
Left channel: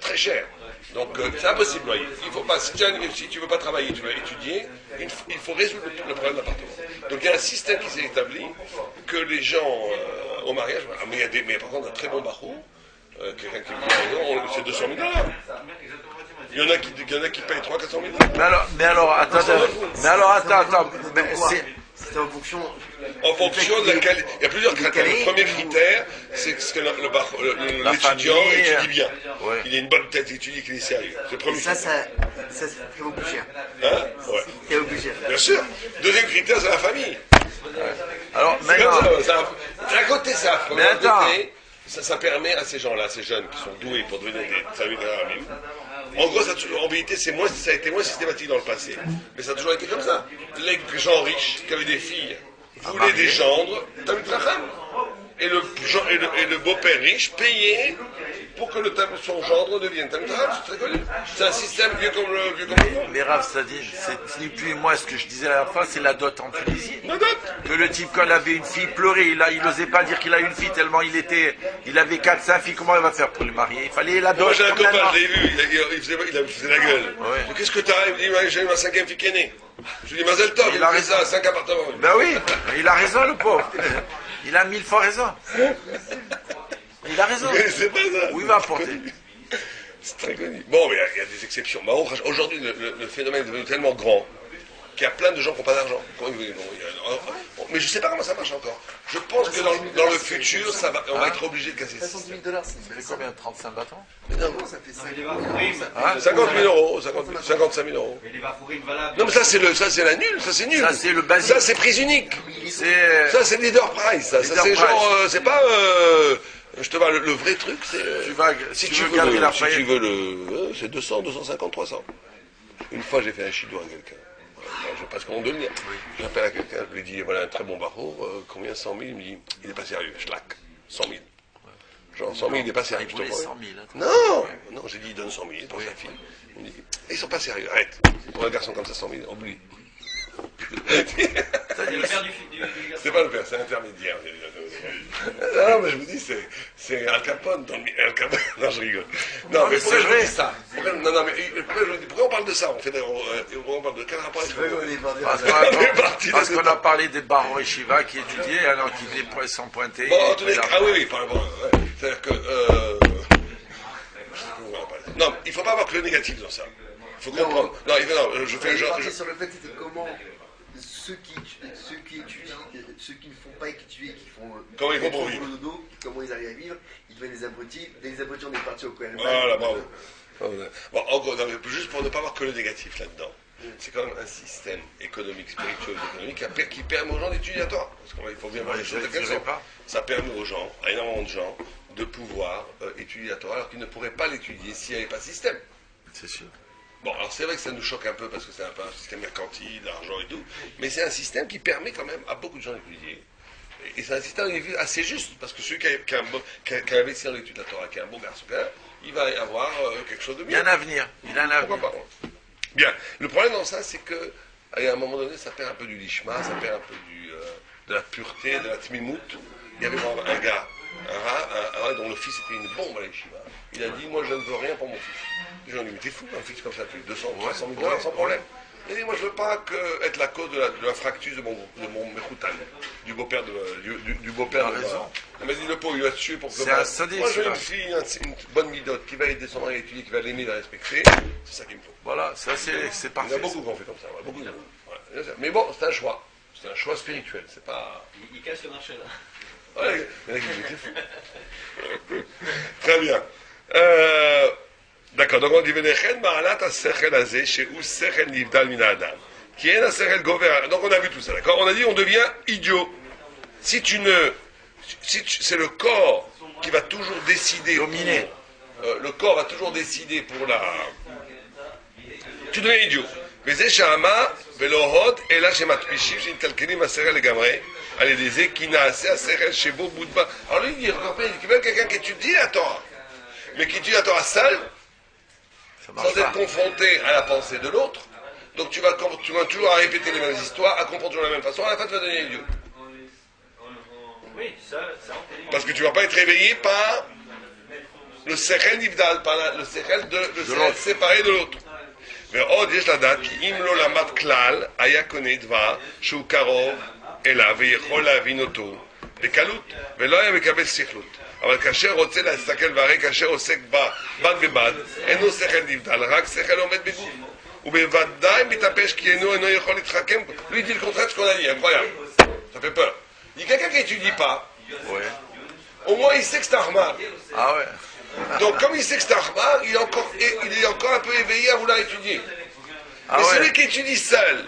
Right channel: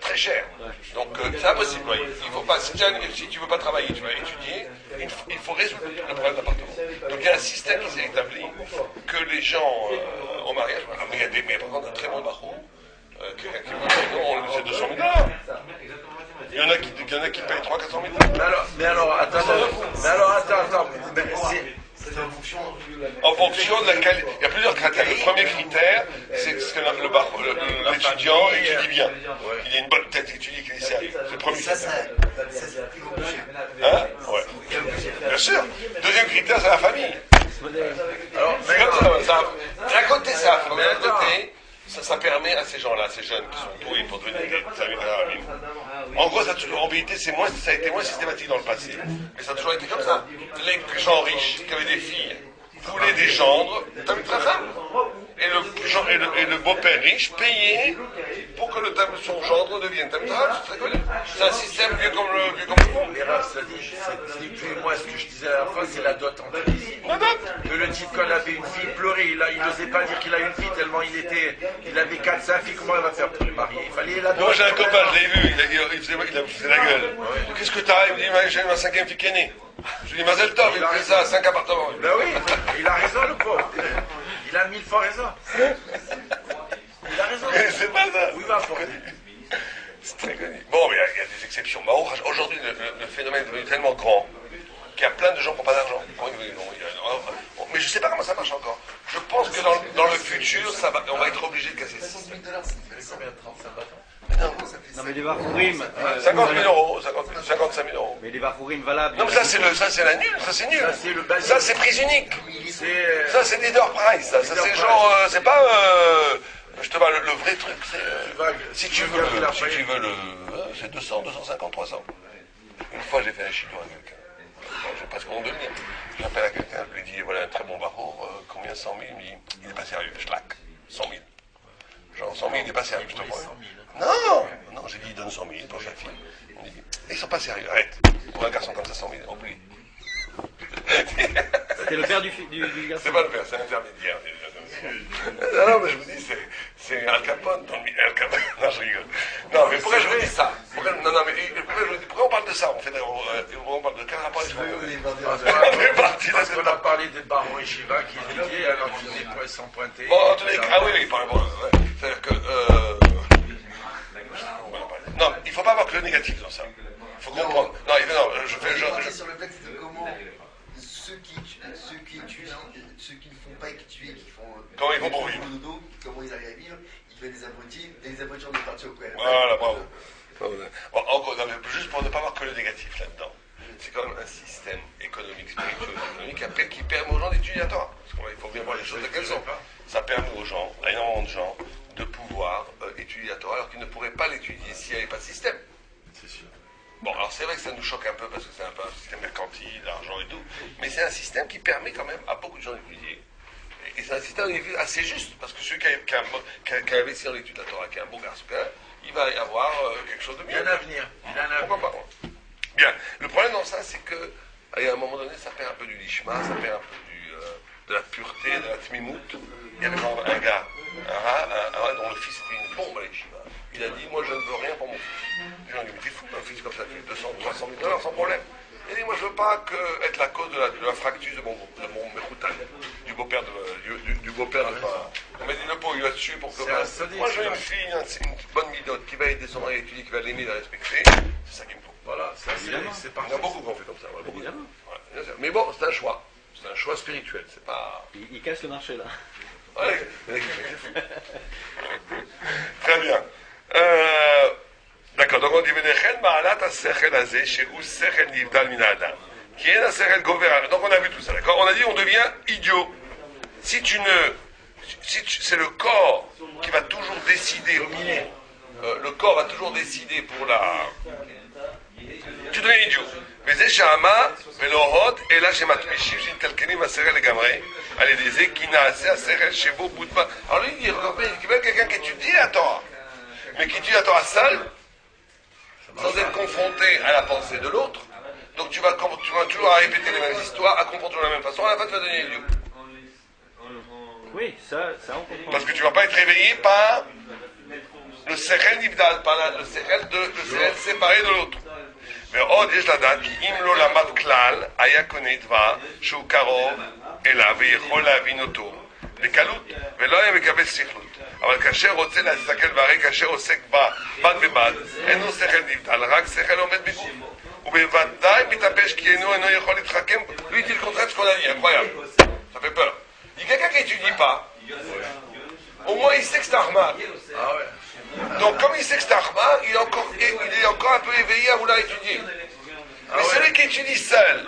très chers. Donc c'est impossible. Loyer. Il faut pas. Si tu veux pas travailler, tu veux étudier, il faut résoudre le problème d'appartement. Donc il y a un système qui s'est établi que les gens au mariage, mais il y a par contre un très bon barreau. Quelqu'un qui me dit non, c'est 200 000 dollars. Il y en a qui payent 300 400 000 dollars. Mais alors, attends. Mais C'est en fonction. En fonction de la qualité. Il y a plusieurs critères. Le premier critère, c'est que l'étudiant famille, étudie bien. ouais. Il a une bonne tête, il étudie, qu'il est sérieux. C'est le premier Ça, critère. ça fait beaucoup plus cher. Hein? Ouais. C'est beaucoup plus cher. Bien sûr. Deuxième critère, c'est la famille. alors, C'est comme maintenant, ça. D'un côté, c'est affreux. Mais D'un autre attends. côté, ça permet à ces gens-là, ces jeunes qui sont doués pour devenir des salut des rabbins. En gros, en vérité, ça a été moins systématique dans le passé. Mais ça a toujours été comme ça. Les gens riches qui avaient des filles voulaient des gendres, Talmid Chacham. Et le beau-père riche payait pour que son gendre devienne Talmid Chacham. C'est très connu. C'est un système vieux comme le monde. les Rav, ça dit, c'est ni plus ni moins ce que je disais à la fin, c'est la dot en Tunisie. La dot. Que le type, quand il avait une fille, pleurait, il n'osait pas dire qu'il a une fille, tellement il avait 4-5 filles, comment il va faire pour les marier? Il fallait la dot. Moi j'ai un comme copain, maintenant. je l'ai vu, il faisait la gueule. Je dis, qu'est-ce que t'as? Il me dit, j'ai eu ma 5e fille qui est née. Je lui dis, Mazel Tov, il a fait ça, 5 appartements. Ben oui, mais il a raison le pauvre. Il a 1000 fois raison. Il a raison. Mais c'est pas ça. Où il va porter? C'est très connu. Bon, mais il y a des exceptions. Mais aujourd'hui, le phénomène est devenu tellement grand qu'il y a plein de gens qui n'ont pas d'argent. Mais je ne sais pas comment ça marche encore. Je pense que dans le futur, on va être obligé de casser ça. 70 000 dollars, c'est combien? 35 battants? Non, mais les Bafourim. 50 000 euros, 55 000 euros. Mais les Bafourim valables. Non, mais ça, c'est la nulle, ça, c'est nul. Ça, c'est le basique. Ça, c'est prix unique. C'est. Ça, c'est leader price. Ça, Leader c'est price. genre, c'est pas. Je te parle, le vrai truc, c'est. Si tu veux garder la faillite. c'est 200, 250, 300. Une fois, j'ai fait un chidour à quelqu'un. Je passe comment devenir. J'appelle à quelqu'un, je lui dis, voilà un très bon barreau, combien? 100 000. Il me dit, il n'est pas sérieux, schlack, 100 000. Genre 100 000, il n'est pas sérieux, je te voulait vois. 100 000, hein. Non, non, j'ai dit, il donne 100 000 pour sa fille. Il me dit, ils sont pas sérieux, arrête. Pour un garçon comme ça, 100 000, oublie. C'est le père du garçon. C'est pas le père, c'est l'intermédiaire. Non, mais je vous dis, c'est Al Capone dans le Al Capone. Non, je rigole. Non, mais pourquoi je vous dis ça? Non, mais pourquoi on parle de ça? On parle de quel rapport avec Parce qu'on a parlé des barons et Shiva qui étudiaient alors qu'ils étaient sans pointer. Bon, en tous les cas, ah oui, bon, c'est-à-dire que. Non, il ne faut pas avoir que le négatif dans ça. Il faut comprendre. Non, je fais. Sur le fait, c'est comment ceux qui étudient, ceux qui ne font pas étudier, qui font. Comment ils vont pour vivre. Comment ils arrivent à vivre, ils deviennent des abrutis. Des abrutis, on est parti au Cohen. Voilà, bravo. Bon, encore, juste pour ne pas avoir que le négatif là-dedans. C'est quand même un système économique, spirituel, économique qui permet aux gens d'étudier à Torah. Parce qu'il faut bien voir les choses telles qu'elles sont. Ça permet aux gens, à énormément de gens, de pouvoir étudier la Torah alors qu'ils ne pourraient pas l'étudier s'il n'y avait pas de système. C'est sûr. Bon, alors c'est vrai que ça nous choque un peu parce que c'est un peu un système mercantile, d'argent et tout, mais c'est un système qui permet quand même à beaucoup de gens d'étudier. Et c'est un système assez juste, parce que celui qui a investi dans l'étude de la Torah, qui est un bon garçon, il va y avoir quelque chose de bien. Il y a un avenir. Il a un avenir. Bien. Le problème dans ça, c'est que à un moment donné, ça perd un peu du lishma, ça perd un peu de la pureté, de la tmimout. Il y avait un gars, un rave dont le fils était une bombe à l'yeshiva. Il a dit, moi je ne veux rien pour mon fils. Les gens lui ont dit, mais t'es fou, un fils comme ça, tu fais 200, 300 000 dollars sans problème. Il dit, moi je ne veux pas être la cause de la fracture de mon Mekoutan, du beau-père du beau-père de l'enfant. Il m'a dit, le pauvre, il va se tuer pour que moi je veux une fille, une bonne midote, qui va aider son mari à étudier, qui va l'aimer, la respecter. C'est ça qu'il me faut. Voilà, ça c'est parfait. Il y a beaucoup qui ont fait comme ça, beaucoup de gens. Mais bon, c'est un choix. C'est un choix spirituel, c'est pas... Il casse le marché là. Ouais, il y en a qui font. Très bien. D'accord, donc on dit Venechen Baalat Asechel Azeh Shehu Sechel Nivdal Min Adam. Qui est un Sechel Gover. Donc on a vu tout ça, d'accord? On a dit on devient idiot. Si c'est le corps qui va toujours décider. Dominer. Le corps va toujours décider pour la. Tu deviens idiot. וזה שאמה ולא הוד, אלא שמתפישים שמתלכדים השכל לגמרי, על ידי זה כי נעשה השכל שבו בודבה. Alors lui, il dit quelqu'un qui étudie la Torah, mais qui étudie la Torah seul, sans être confronté à la pensée de l'autre. Donc tu vas toujours à répéter les mêmes histoires, à comprendre toujours de la même façon, à la fin tu vas devenir idiot. Oui, ça on peut. Parce que tu ne vas pas être réveillé par le sechel nivdal, par le sechel séparé de l'autre. ועוד יש לדעת כי אם לא למד כלל, היה קונה דבר שהוא קרוב אליו ויכול להבין אותו בקלות, ולא היה מקבל שכלות. אבל כאשר רוצה להסתכל והרי כאשר עוסק בד בבד, אינו שכל נבדל, רק שכל עומד בגוף. ובוודאי מתאפש כי אינו יכול להתחכם בו. Lui dit le contraire de ce qu'on a dit, incroyable. Ça fait peur. Il dit quelqu'un qui n'étudie pas, au moins il sait que c'est un Ahmad. Ah ouais. Donc comme il sait que c'est Ahmad, il est encore un peu éveillé à vouloir étudier. Mais celui qui étudie seul,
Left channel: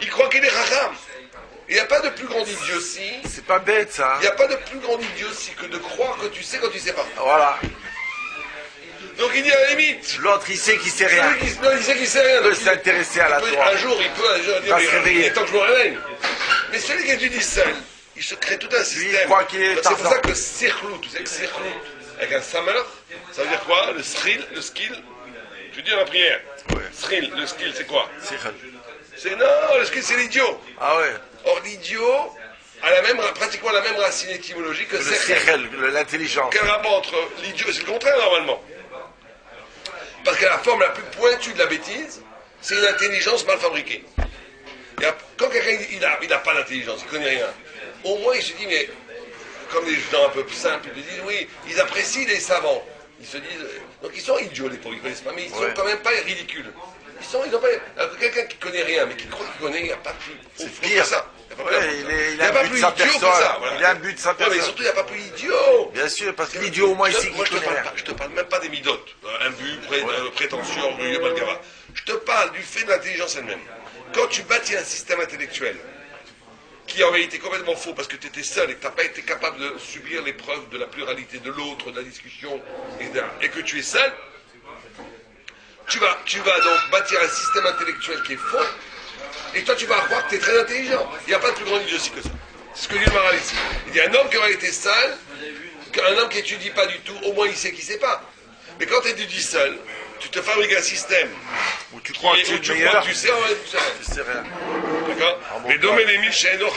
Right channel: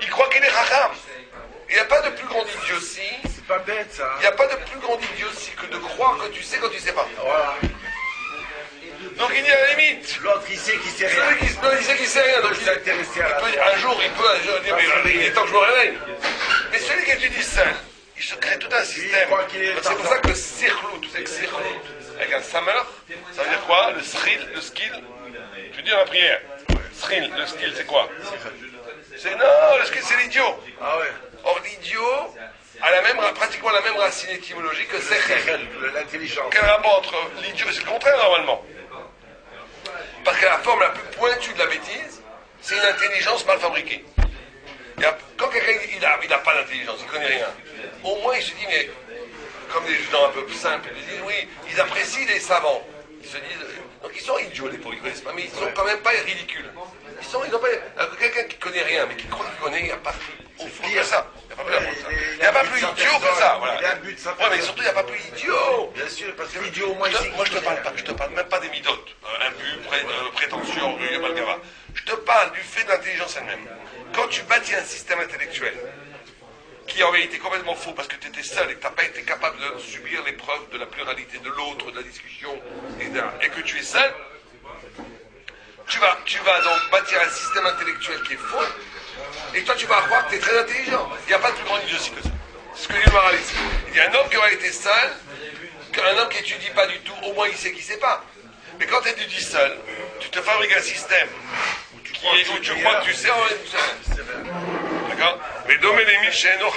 il croit qu'il est Chacham. Il n'y a pas de plus grande idiotie. C'est pas bête ça. Il n'y a pas de plus grande idiotie que de croire que tu sais quand tu sais pas. Voilà. Donc il dit à la limite. L'autre il sait qu'il sait rien. Il sait qu'il sait rien. Il peut s'intéresser à la Torah. Un jour il peut dire mais il est temps que je me réveille. Mais celui qui étudie seul, il se crée tout un système. C'est pour ça que Sirlou, tu sais que Sirlou, avec un Samer, ça veut dire quoi? Le skill. Tu dis dans la prière. Sril, le skill, c'est quoi? Non, le skill, c'est l'idiot. Ah ouais. Or, l'idiot a pratiquement la même racine étymologique que sechel. L'intelligence. Quel rapport entre l'idiot, c'est le contraire normalement. Parce que la forme la plus pointue de la bêtise, c'est une intelligence mal fabriquée. Quand quelqu'un il n'a pas d'intelligence, il ne connaît rien, au moins il se dit, mais comme des gens un peu simples, ils disent, oui, ils apprécient les savants. Ils se disent, donc ils sont idiots les pauvres, ils ne connaissent pas, mais ils ne sont quand même pas ridicules. Ils ont pas, quelqu'un qui ne connaît rien, mais qui croit qu'il connaît, il n'y a pas plus pire que ça. Il n'y a pas plus idiot que ça. Voilà. Il a un but de sa personne. Ouais, mais surtout, il n'y a pas plus idiot. Bien sûr, parce que l'idiot, au moins, il sait. Moi, je te parle même pas des midotes, un but, prétention, orgueil, malgava. Je te parle du fait de l'intelligence elle-même. Quand tu bâtis un système intellectuel qui est en réalité complètement faux parce que tu étais seul et que tu n'as pas été capable de subir l'épreuve de la pluralité de l'autre, de la discussion, etc., et que tu es seul, tu vas donc bâtir un système intellectuel qui est faux, et toi tu vas croire que tu es très intelligent. Il n'y a pas de plus grande idiotie que ça. C'est ce que dit le moral ici. Il dit un homme qui aurait été seul qu'un homme qui étudie pas du tout, au moins il sait qu'il sait pas. Mais quand tu étudies seul, tu te fabriques un système où tu crois que tu sais, en fait, tu sais rien. C'est vrai. D'accord? Mais domé les miches et donc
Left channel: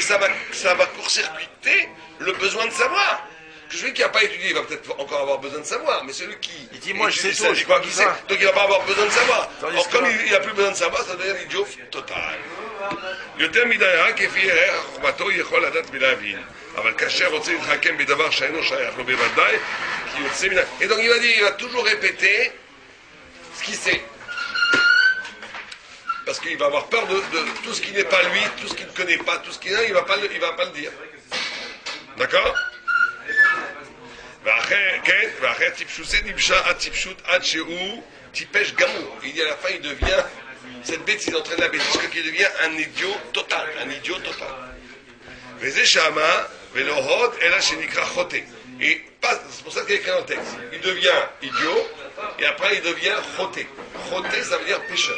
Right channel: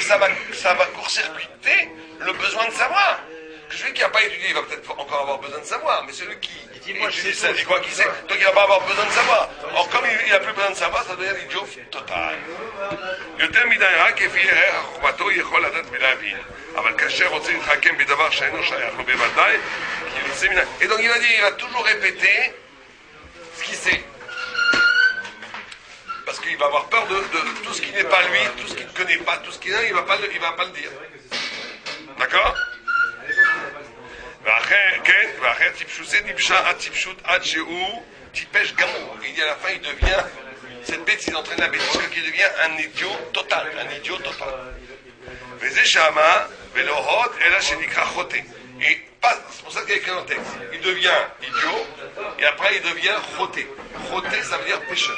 ça va court-circuiter le besoin de savoir. Que celui qui n'a pas étudié, il va peut-être encore avoir besoin de savoir, mais celui qui dit, moi, je sais étudie tout, il croit qu'il sait, donc il va pas avoir besoin de savoir. Or, comme il n'a plus besoin de savoir, ça devient l'idiot total. יותר מדי רק כפי ערך חוכמתו יכול לדעת ולהבין, אבל כאשר רוצה להתחכם בדבר שאינו שייך לו בוודאי, כי יוצא מן... Et donc il va dire, il va toujours répéter ce qu'il sait. Parce qu'il va avoir peur de tout ce qui n'est pas lui, tout ce qu'il ne connaît pas, tout ce qu'il a, il va pas le dire. D'accord? ואחרי טיפשוסי דיבשה עד טיפשות עד שהוא טיפש גמור. Il dit à la fin, il devient, cette bêtise, il entraîne la bêtise, qu'il devient un idiot total. וזה שמה ולא הוד אלא שנקרא חוטא. Et pas, c'est pour ça qu'il y a écrit dans le texte. Il devient idiot et après il devient choté. Choté, ça veut dire pécheur.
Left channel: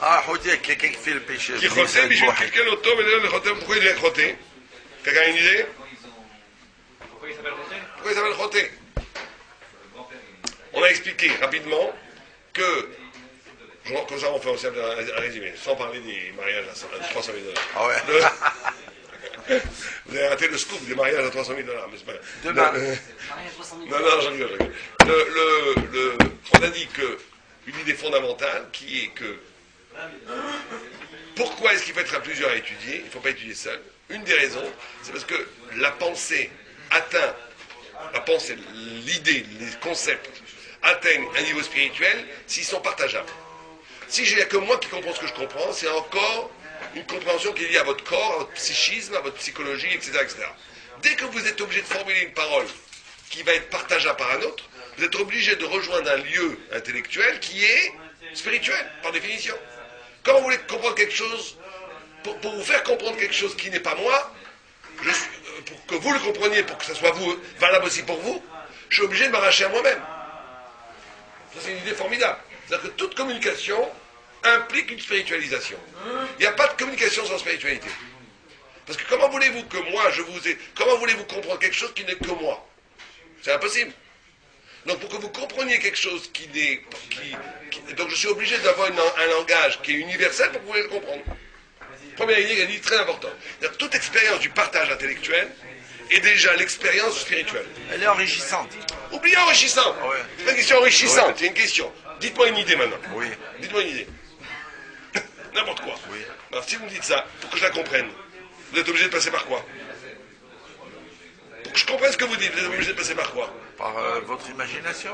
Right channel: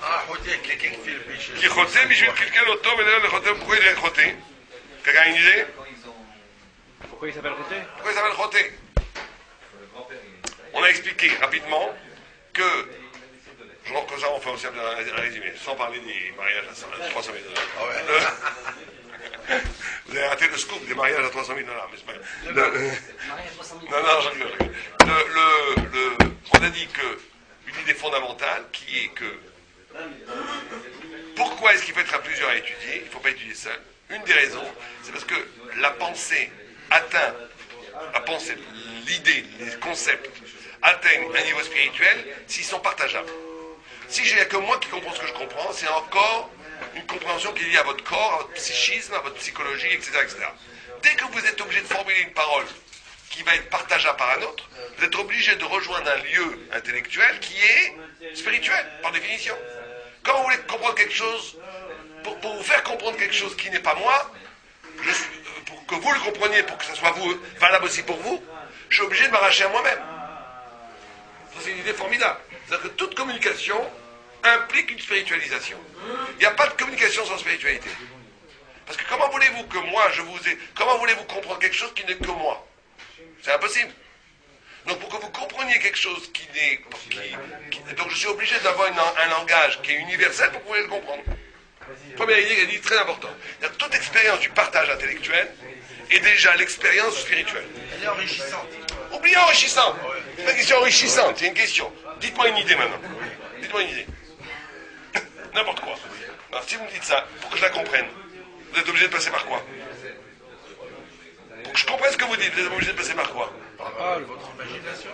Ah, choté, quelqu'un qui fait le péché. Qui choté, mais je vais quelqu'un l'auto, mais là le choté, pourquoi il est choté? Quelqu'un a une idée? Pourquoi il s'appelle Choté? Pourquoi il s'appelle choté? On a expliqué rapidement que, comme ça on fait aussi un résumé, sans parler des mariages à 300 000 $. Ah ouais. Vous avez raté le scoop des mariages à 300 000 $, mais c'est pas grave. Non, je rigole. On a dit une idée fondamentale qui est que pourquoi est-ce qu'il faut être à plusieurs à étudier? Il ne faut pas étudier seul. Une des raisons, c'est parce que la pensée atteint, l'idée, les concepts atteignent un niveau spirituel s'ils sont partageables. Si j'ai que moi qui comprends ce que je comprends, c'est encore une compréhension qui est liée à votre corps, à votre psychisme, à votre psychologie, etc., etc. Dès que vous êtes obligé de formuler une parole qui va être partageable par un autre, vous êtes obligé de rejoindre un lieu intellectuel qui est spirituel, par définition. Quand vous voulez comprendre quelque chose, pour vous faire comprendre quelque chose qui n'est pas moi, pour que vous le compreniez, pour que ça soit valable aussi pour vous, je suis obligé de m'arracher à moi-même. Ça, c'est une idée formidable. C'est-à-dire que toute communication implique une spiritualisation. Il n'y a pas de communication sans spiritualité. Parce que comment voulez-vous que moi, comment voulez-vous comprendre quelque chose qui n'est que moi? C'est impossible. Donc pour que vous compreniez quelque chose donc je suis obligé d'avoir un langage qui est universel pour que vous puissiez le comprendre. Première idée, elle dit très important. Toute expérience du partage intellectuel est déjà l'expérience spirituelle. Elle est enrichissante. Oubliez enrichissante. Ouais. C'est pas une question enrichissante, ouais. C'est une question. Dites-moi une idée maintenant. Oui. Dites-moi une idée. N'importe quoi. Alors, si vous me dites ça, pour que je la comprenne, vous êtes obligé de passer par quoi? Pour que je comprenne ce que vous dites, vous êtes obligé de passer par quoi? Par votre imagination.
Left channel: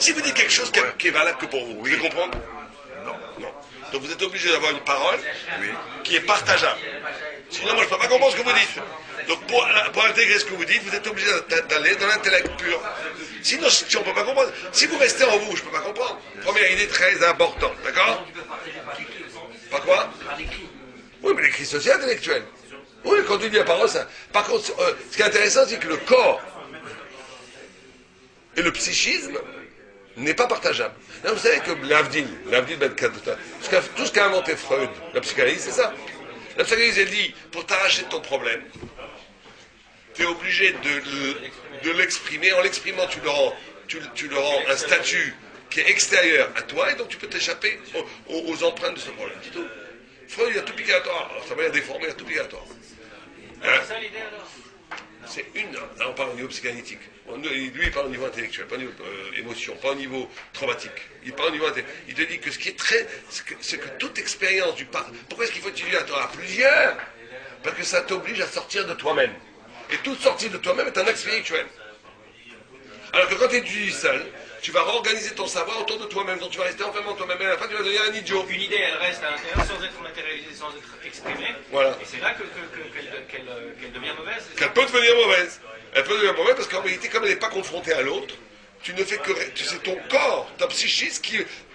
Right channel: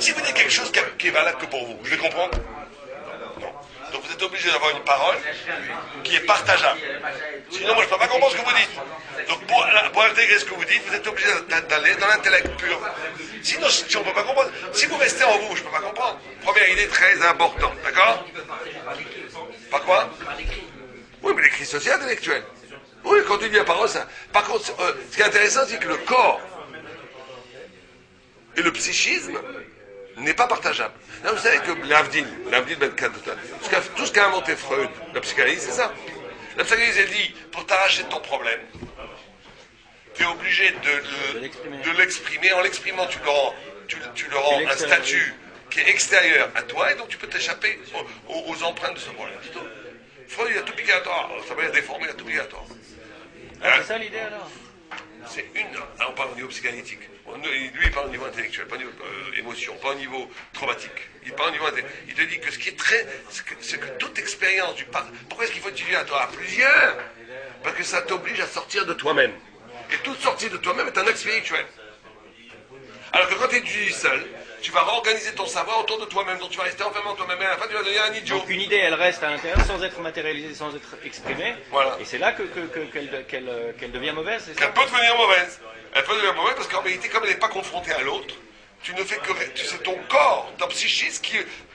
Si vous dites quelque chose qui est valable que pour vous, vous allez comprendre? Non. Donc vous êtes obligé d'avoir une parole qui est partageable. Sinon, moi, je ne peux pas comprendre ce que vous dites. Donc pour intégrer ce que vous dites, vous êtes obligé d'aller dans l'intellect pur. Sinon, si on ne peut pas comprendre, si vous restez en vous, je ne peux pas comprendre. Première idée très importante, d'accord? Par quoi? Oui, mais l'écrit, c'est aussi intellectuel. Oui, quand tu dis la parole, ça... Par contre, ce qui est intéressant, c'est que le corps et le psychisme n'est pas partageable. Non, vous savez que l'Avdil Ben Kadota, tout ce qu'a inventé Freud, la psychanalyse, c'est ça. La psychanalyse, elle dit, pour t'arracher de ton problème, tu es obligé de l'exprimer. En l'exprimant, tu le rends un statut qui est extérieur à toi, et donc tu peux t'échapper aux empreintes de ce problème. C'est tout. Freud, il a tout piqué à toi. Ça va déformer, il a tout piqué à toi. C'est ça l'idée alors? C'est là on parle au niveau psychanalytique. Lui, il parle au niveau intellectuel, pas au niveau émotion, pas au niveau traumatique. Il parle au niveau intellectuel. Il te dit que ce qui est c'est que toute expérience du pourquoi est-ce qu'il faut étudier à plusieurs? Parce que ça t'oblige à sortir de toi-même. Et toute sortie de toi-même est un acte spirituel. Alors que quand tu étudies seul, tu vas réorganiser ton savoir autour de toi-même, donc tu vas rester enfermé en toi-même, et à la fin tu vas devenir un idiot. Donc une idée, elle reste à l'intérieur sans être matérialisée, sans être exprimée. Voilà. Et c'est là qu'elle devient mauvaise, c'est ça? Qu'elle peut devenir mauvaise. Elle peut devenir mauvaise parce qu'en vérité, comme elle n'est pas confrontée à l'autre, tu ne fais que... C'est ton corps, ton psychisme,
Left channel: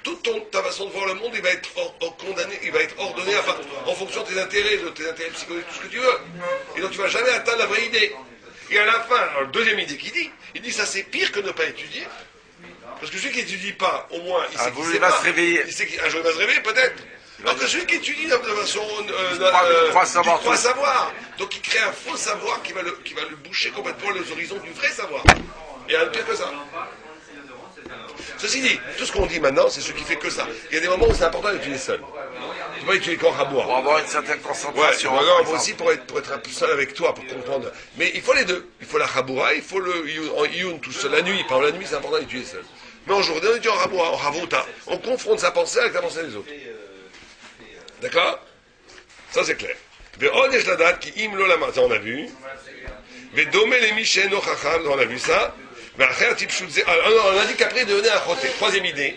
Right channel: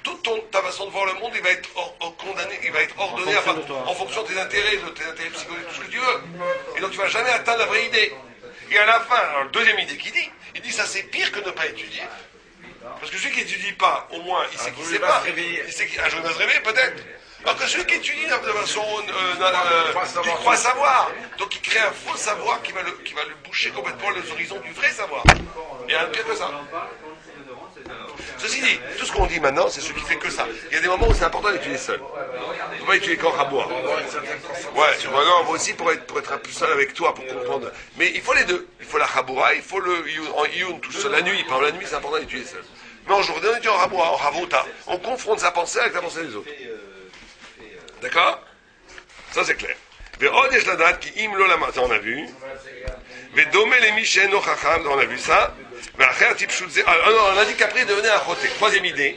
toute ta façon de voir le monde, il va être condamné, il va être ordonné en fonction de tes intérêts psychologiques, tout ce que tu veux. Et donc tu ne vas jamais atteindre la vraie idée. Et à la fin, alors, deuxième idée il dit ça c'est pire que ne pas étudier. Parce que celui qui n'étudie pas, au moins, il sait qu'il ne sait pas. Il sait qu'un jour il va se réveiller, peut-être. Alors que celui qui étudie de façon croit savoir, donc il crée un faux savoir qui va lui boucher complètement les horizons du vrai savoir. Et un pire que ça. Ceci dit, tout ce qu'on dit maintenant, c'est ce qui fait que ça. Il y a des moments où c'est important d'étudier seul. Il ne faut pas étudier qu'en rabois. Pour avoir une certaine concentration. Ouais, moi aussi pour être un peu seul avec toi, pour comprendre. Mais il faut les deux. Il faut la raboura, il faut le yun, tout seul. La nuit, par exemple, la nuit, c'est important d'étudier seul. Mais en journée, on étudie en raboura, en rabota. On confronte sa pensée avec la pensée des autres. D'accord? Ça, c'est clair. Ve'od yesh ladat ki im lo lama, ça on a vu. Ve'dome le mi she'eno chacham, on a vu ça. Ve'acher tipshut ze. Alors, on a dit qu'après, il devenait un choté. Troisième idée.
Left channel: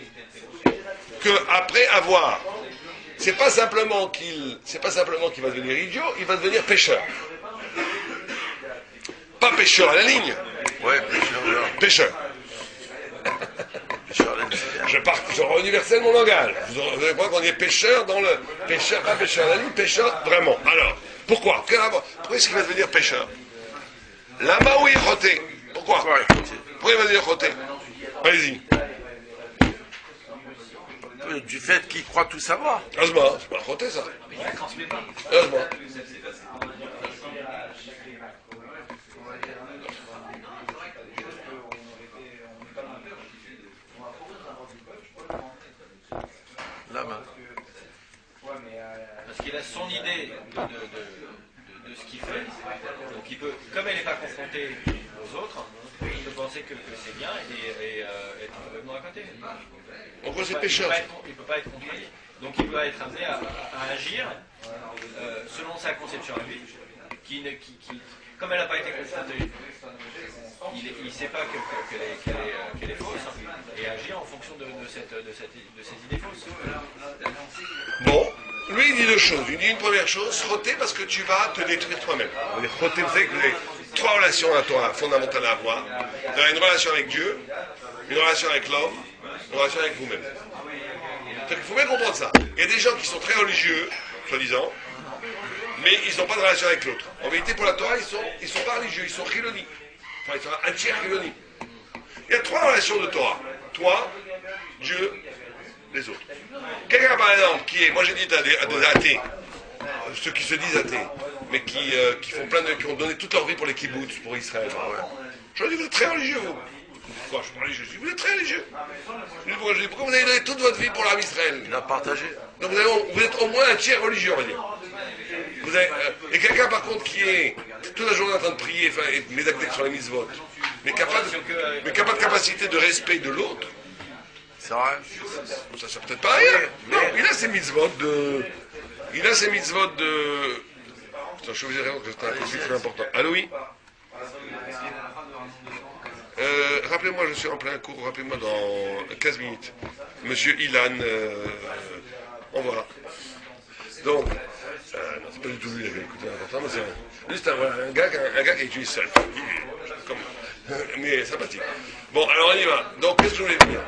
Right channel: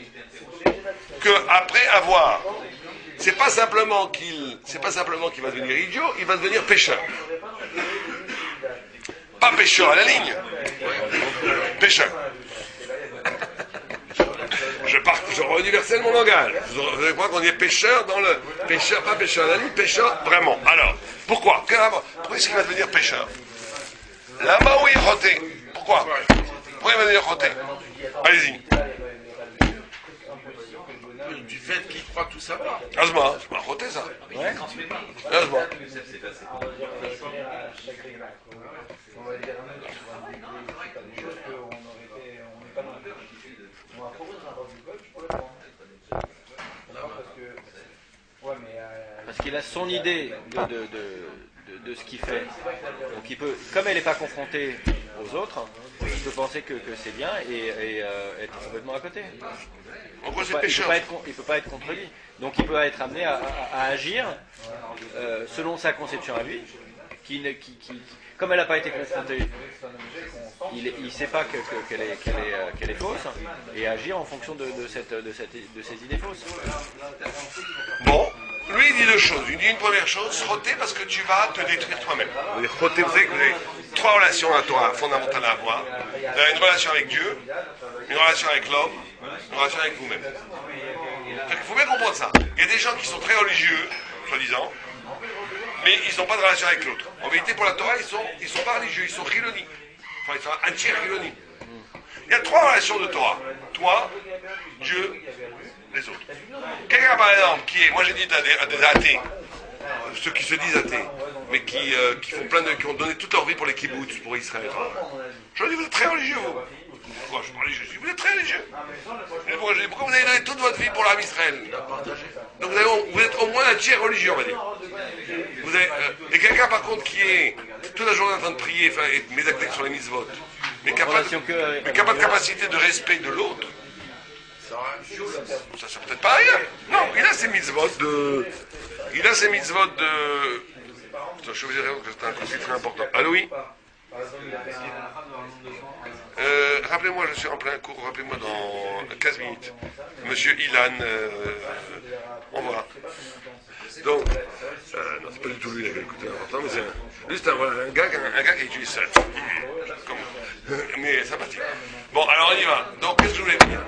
Que après avoir, c'est pas simplement qu'il va devenir idiot, il va devenir pécheur. Pas pécheur à la ligne. Pécheur. Je rediversais mon langage. Vous allez voir qu'on est pêcheur dans le... Pêcheur, pas pêcheur à la ligne, pêcheur vraiment. Alors, pourquoi est-ce qu'il va devenir pêcheur? Là-bas où il est roté. Pourquoi il va devenir roté? Allez-y. Du fait qu'il croit tout savoir. Heureusement, c'est pas roté ça. Ouais, transmet pas. Heureusement. Parce qu'il a son idée de ce qu'il fait. Donc il peut, comme elle n'est pas confrontée aux autres, il peut penser que c'est bien et être complètement à côté. Pourquoi c'est pécheur? Il ne peut pas être contredit. Donc il peut être amené à agir selon sa conception à lui, comme elle n'a pas été confrontée, il ne sait pas qu'elle est fausse, et agir en fonction de ces idées fausses. Bon, lui il dit deux choses. Il dit une première chose, frotter parce que tu vas te détruire toi-même. Frotter, vous savez que vous avez trois relations à toi fondamentales à avoir. Vous avez une relation avec Dieu, une relation avec l'homme, une relation avec vous-même. Il faut bien comprendre ça. Il y a des gens qui sont très religieux, soi-disant, mais ils n'ont pas de relation avec l'autre. En vérité, pour la Torah, ils sont pas religieux, ils sont chiloni. Enfin, ils sont entiers chiloni. Il y a trois relations de Torah. Toi, Dieu, les autres. Quelqu'un, par exemple, moi j'ai dit à des athées, ceux qui se disent athées, mais qui ont donné toute leur vie pour les kibbutz, pour Israël. Je leur dis, vous êtes très religieux, vous. Pourquoi je suis religieux? Vous êtes très religieux. Pourquoi vous avez donné toute votre vie pour l'âme Israël? Il a partagé. Donc vous êtes au moins un tiers religieux, on va dire. Et quelqu'un par contre qui est toute la journée en train de prier, et médacter sur les mitzvot, mais qui n'a pas de capacité de respect de l'autre, c'est vrai. Ça sert peut-être pas à rien. Non, il a ses mitzvot de... Attends, je vous dirai que c'est un conflit très important. Allô, oui? Rappelez-moi, je suis en plein cours, rappelez-moi dans 15 minutes. Monsieur Ilan, on verra. Donc, non, c'est pas du tout lui, il avait écouté l'important, mais c'est un gars qui utilise seul. Mais sympathique. Bon, alors on y va. Donc, qu'est-ce que je voulais dire?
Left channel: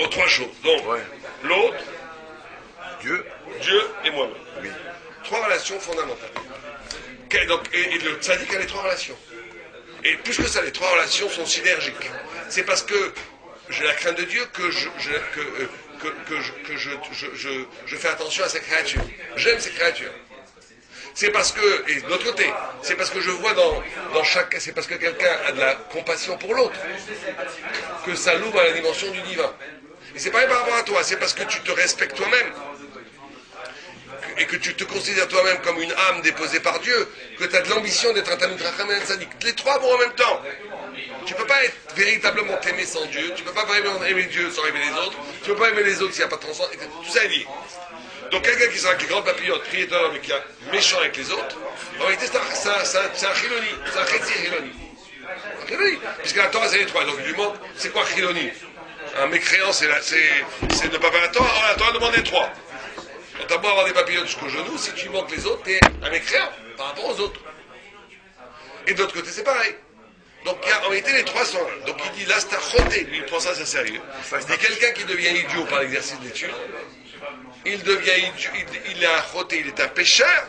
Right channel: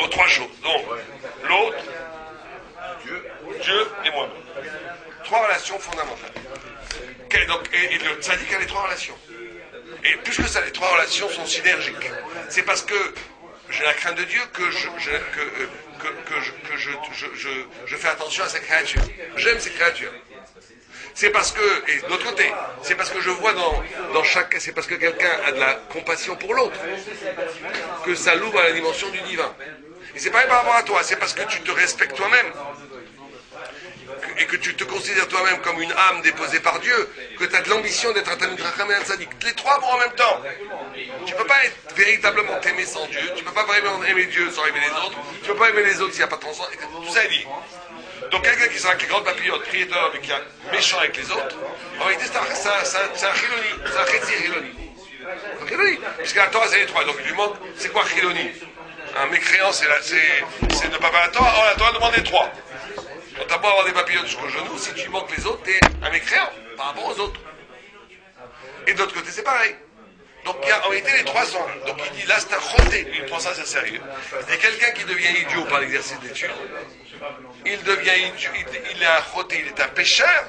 Oh, trois choses. Donc, l'autre, Dieu et moi-même. Trois relations fondamentales. Donc, et le tzaddik a les trois relations. Et plus que ça, les trois relations sont synergiques. C'est parce que j'ai la crainte de Dieu que je fais attention à ces créatures. J'aime ces créatures. C'est parce que, et de l'autre côté, c'est parce que je vois dans chaque, c'est parce que quelqu'un a de la compassion pour l'autre, que ça l'ouvre à la dimension du divin. Et c'est pareil par rapport à toi, c'est parce que tu te respectes toi-même, et que tu te considères toi-même comme une âme déposée par Dieu, que tu as de l'ambition d'être un Talmid Chacham et un Tzaddik. Les trois vont en même temps. Tu ne peux pas être véritablement aimé sans Dieu, tu ne peux pas vraiment aimer Dieu sans aimer les autres, tu ne peux pas aimer les autres s'il n'y a pas de transcendance. Tout ça est lié. Donc quelqu'un qui sera avec les grandes papillotes, priéteur, mais qui est méchant avec les autres, en réalité c'est un chiloni, c'est un chiloni. Puisque la Torah c'est les trois, donc il lui demande, c'est quoi chiloni? Un mécréant c'est ne pas faire la Torah, la Torah demande les trois. Quand t'as beau avoir des papillotes jusqu'au genou, si tu manques les autres, t'es un mécréant par rapport aux autres. Et de l'autre côté, c'est pareil. Donc en réalité, les trois sont là. Donc il dit, là c'est un choté, lui il prend ça c'est sérieux. Il dit quelqu'un qui devient idiot par l'exercice d'étude, il devient idiot, il est un choté, il est un pécheur,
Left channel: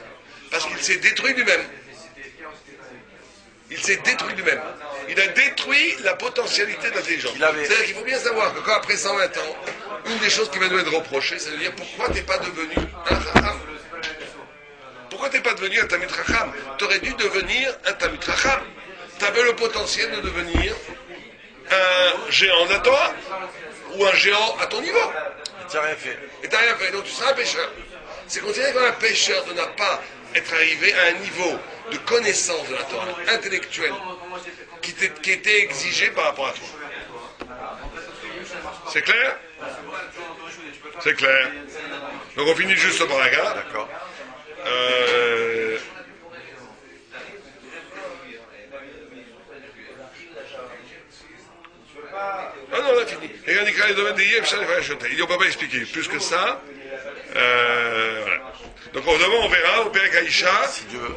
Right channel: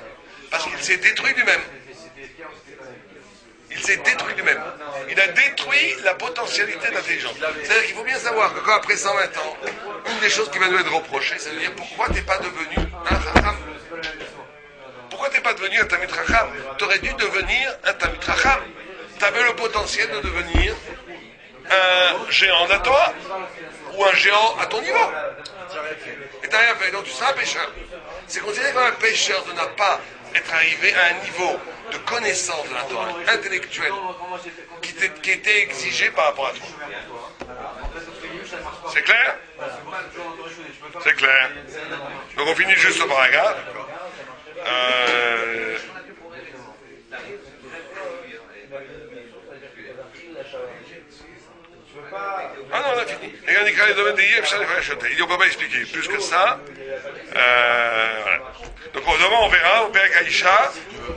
parce qu'il s'est détruit lui-même. Il s'est détruit lui-même. Il a détruit la potentialité d'intelligence. C'est-à-dire qu'il faut bien savoir que quand après 120 ans, une des choses qui va nous être reprochée, c'est de dire pourquoi t'es pas devenu un Chacham? Pourquoi t'es pas devenu un Talmid Chacham? T'aurais dû devenir un Talmid Chacham. T'avais le potentiel de devenir un géant de la Torah ou un géant à ton niveau. Tu n'as rien fait. Et t'as rien fait, donc tu seras un pêcheur. C'est considéré comme un pêcheur de ne pas être arrivé à un niveau de connaissance de la Torah intellectuelle qui était exigé par rapport à toi. C'est clair? C'est clair. Donc on finit juste ce paragraphe. Ah non, on a fini. Et on écrit les domaines des Yef, ça les fait acheter. Il dit on ne peut pas expliquer plus que ça. Voilà. Donc demain on verra, au Père Kaïcha,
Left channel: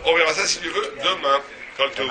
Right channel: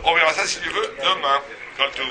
on verra ça si tu veux, demain. Comme tout.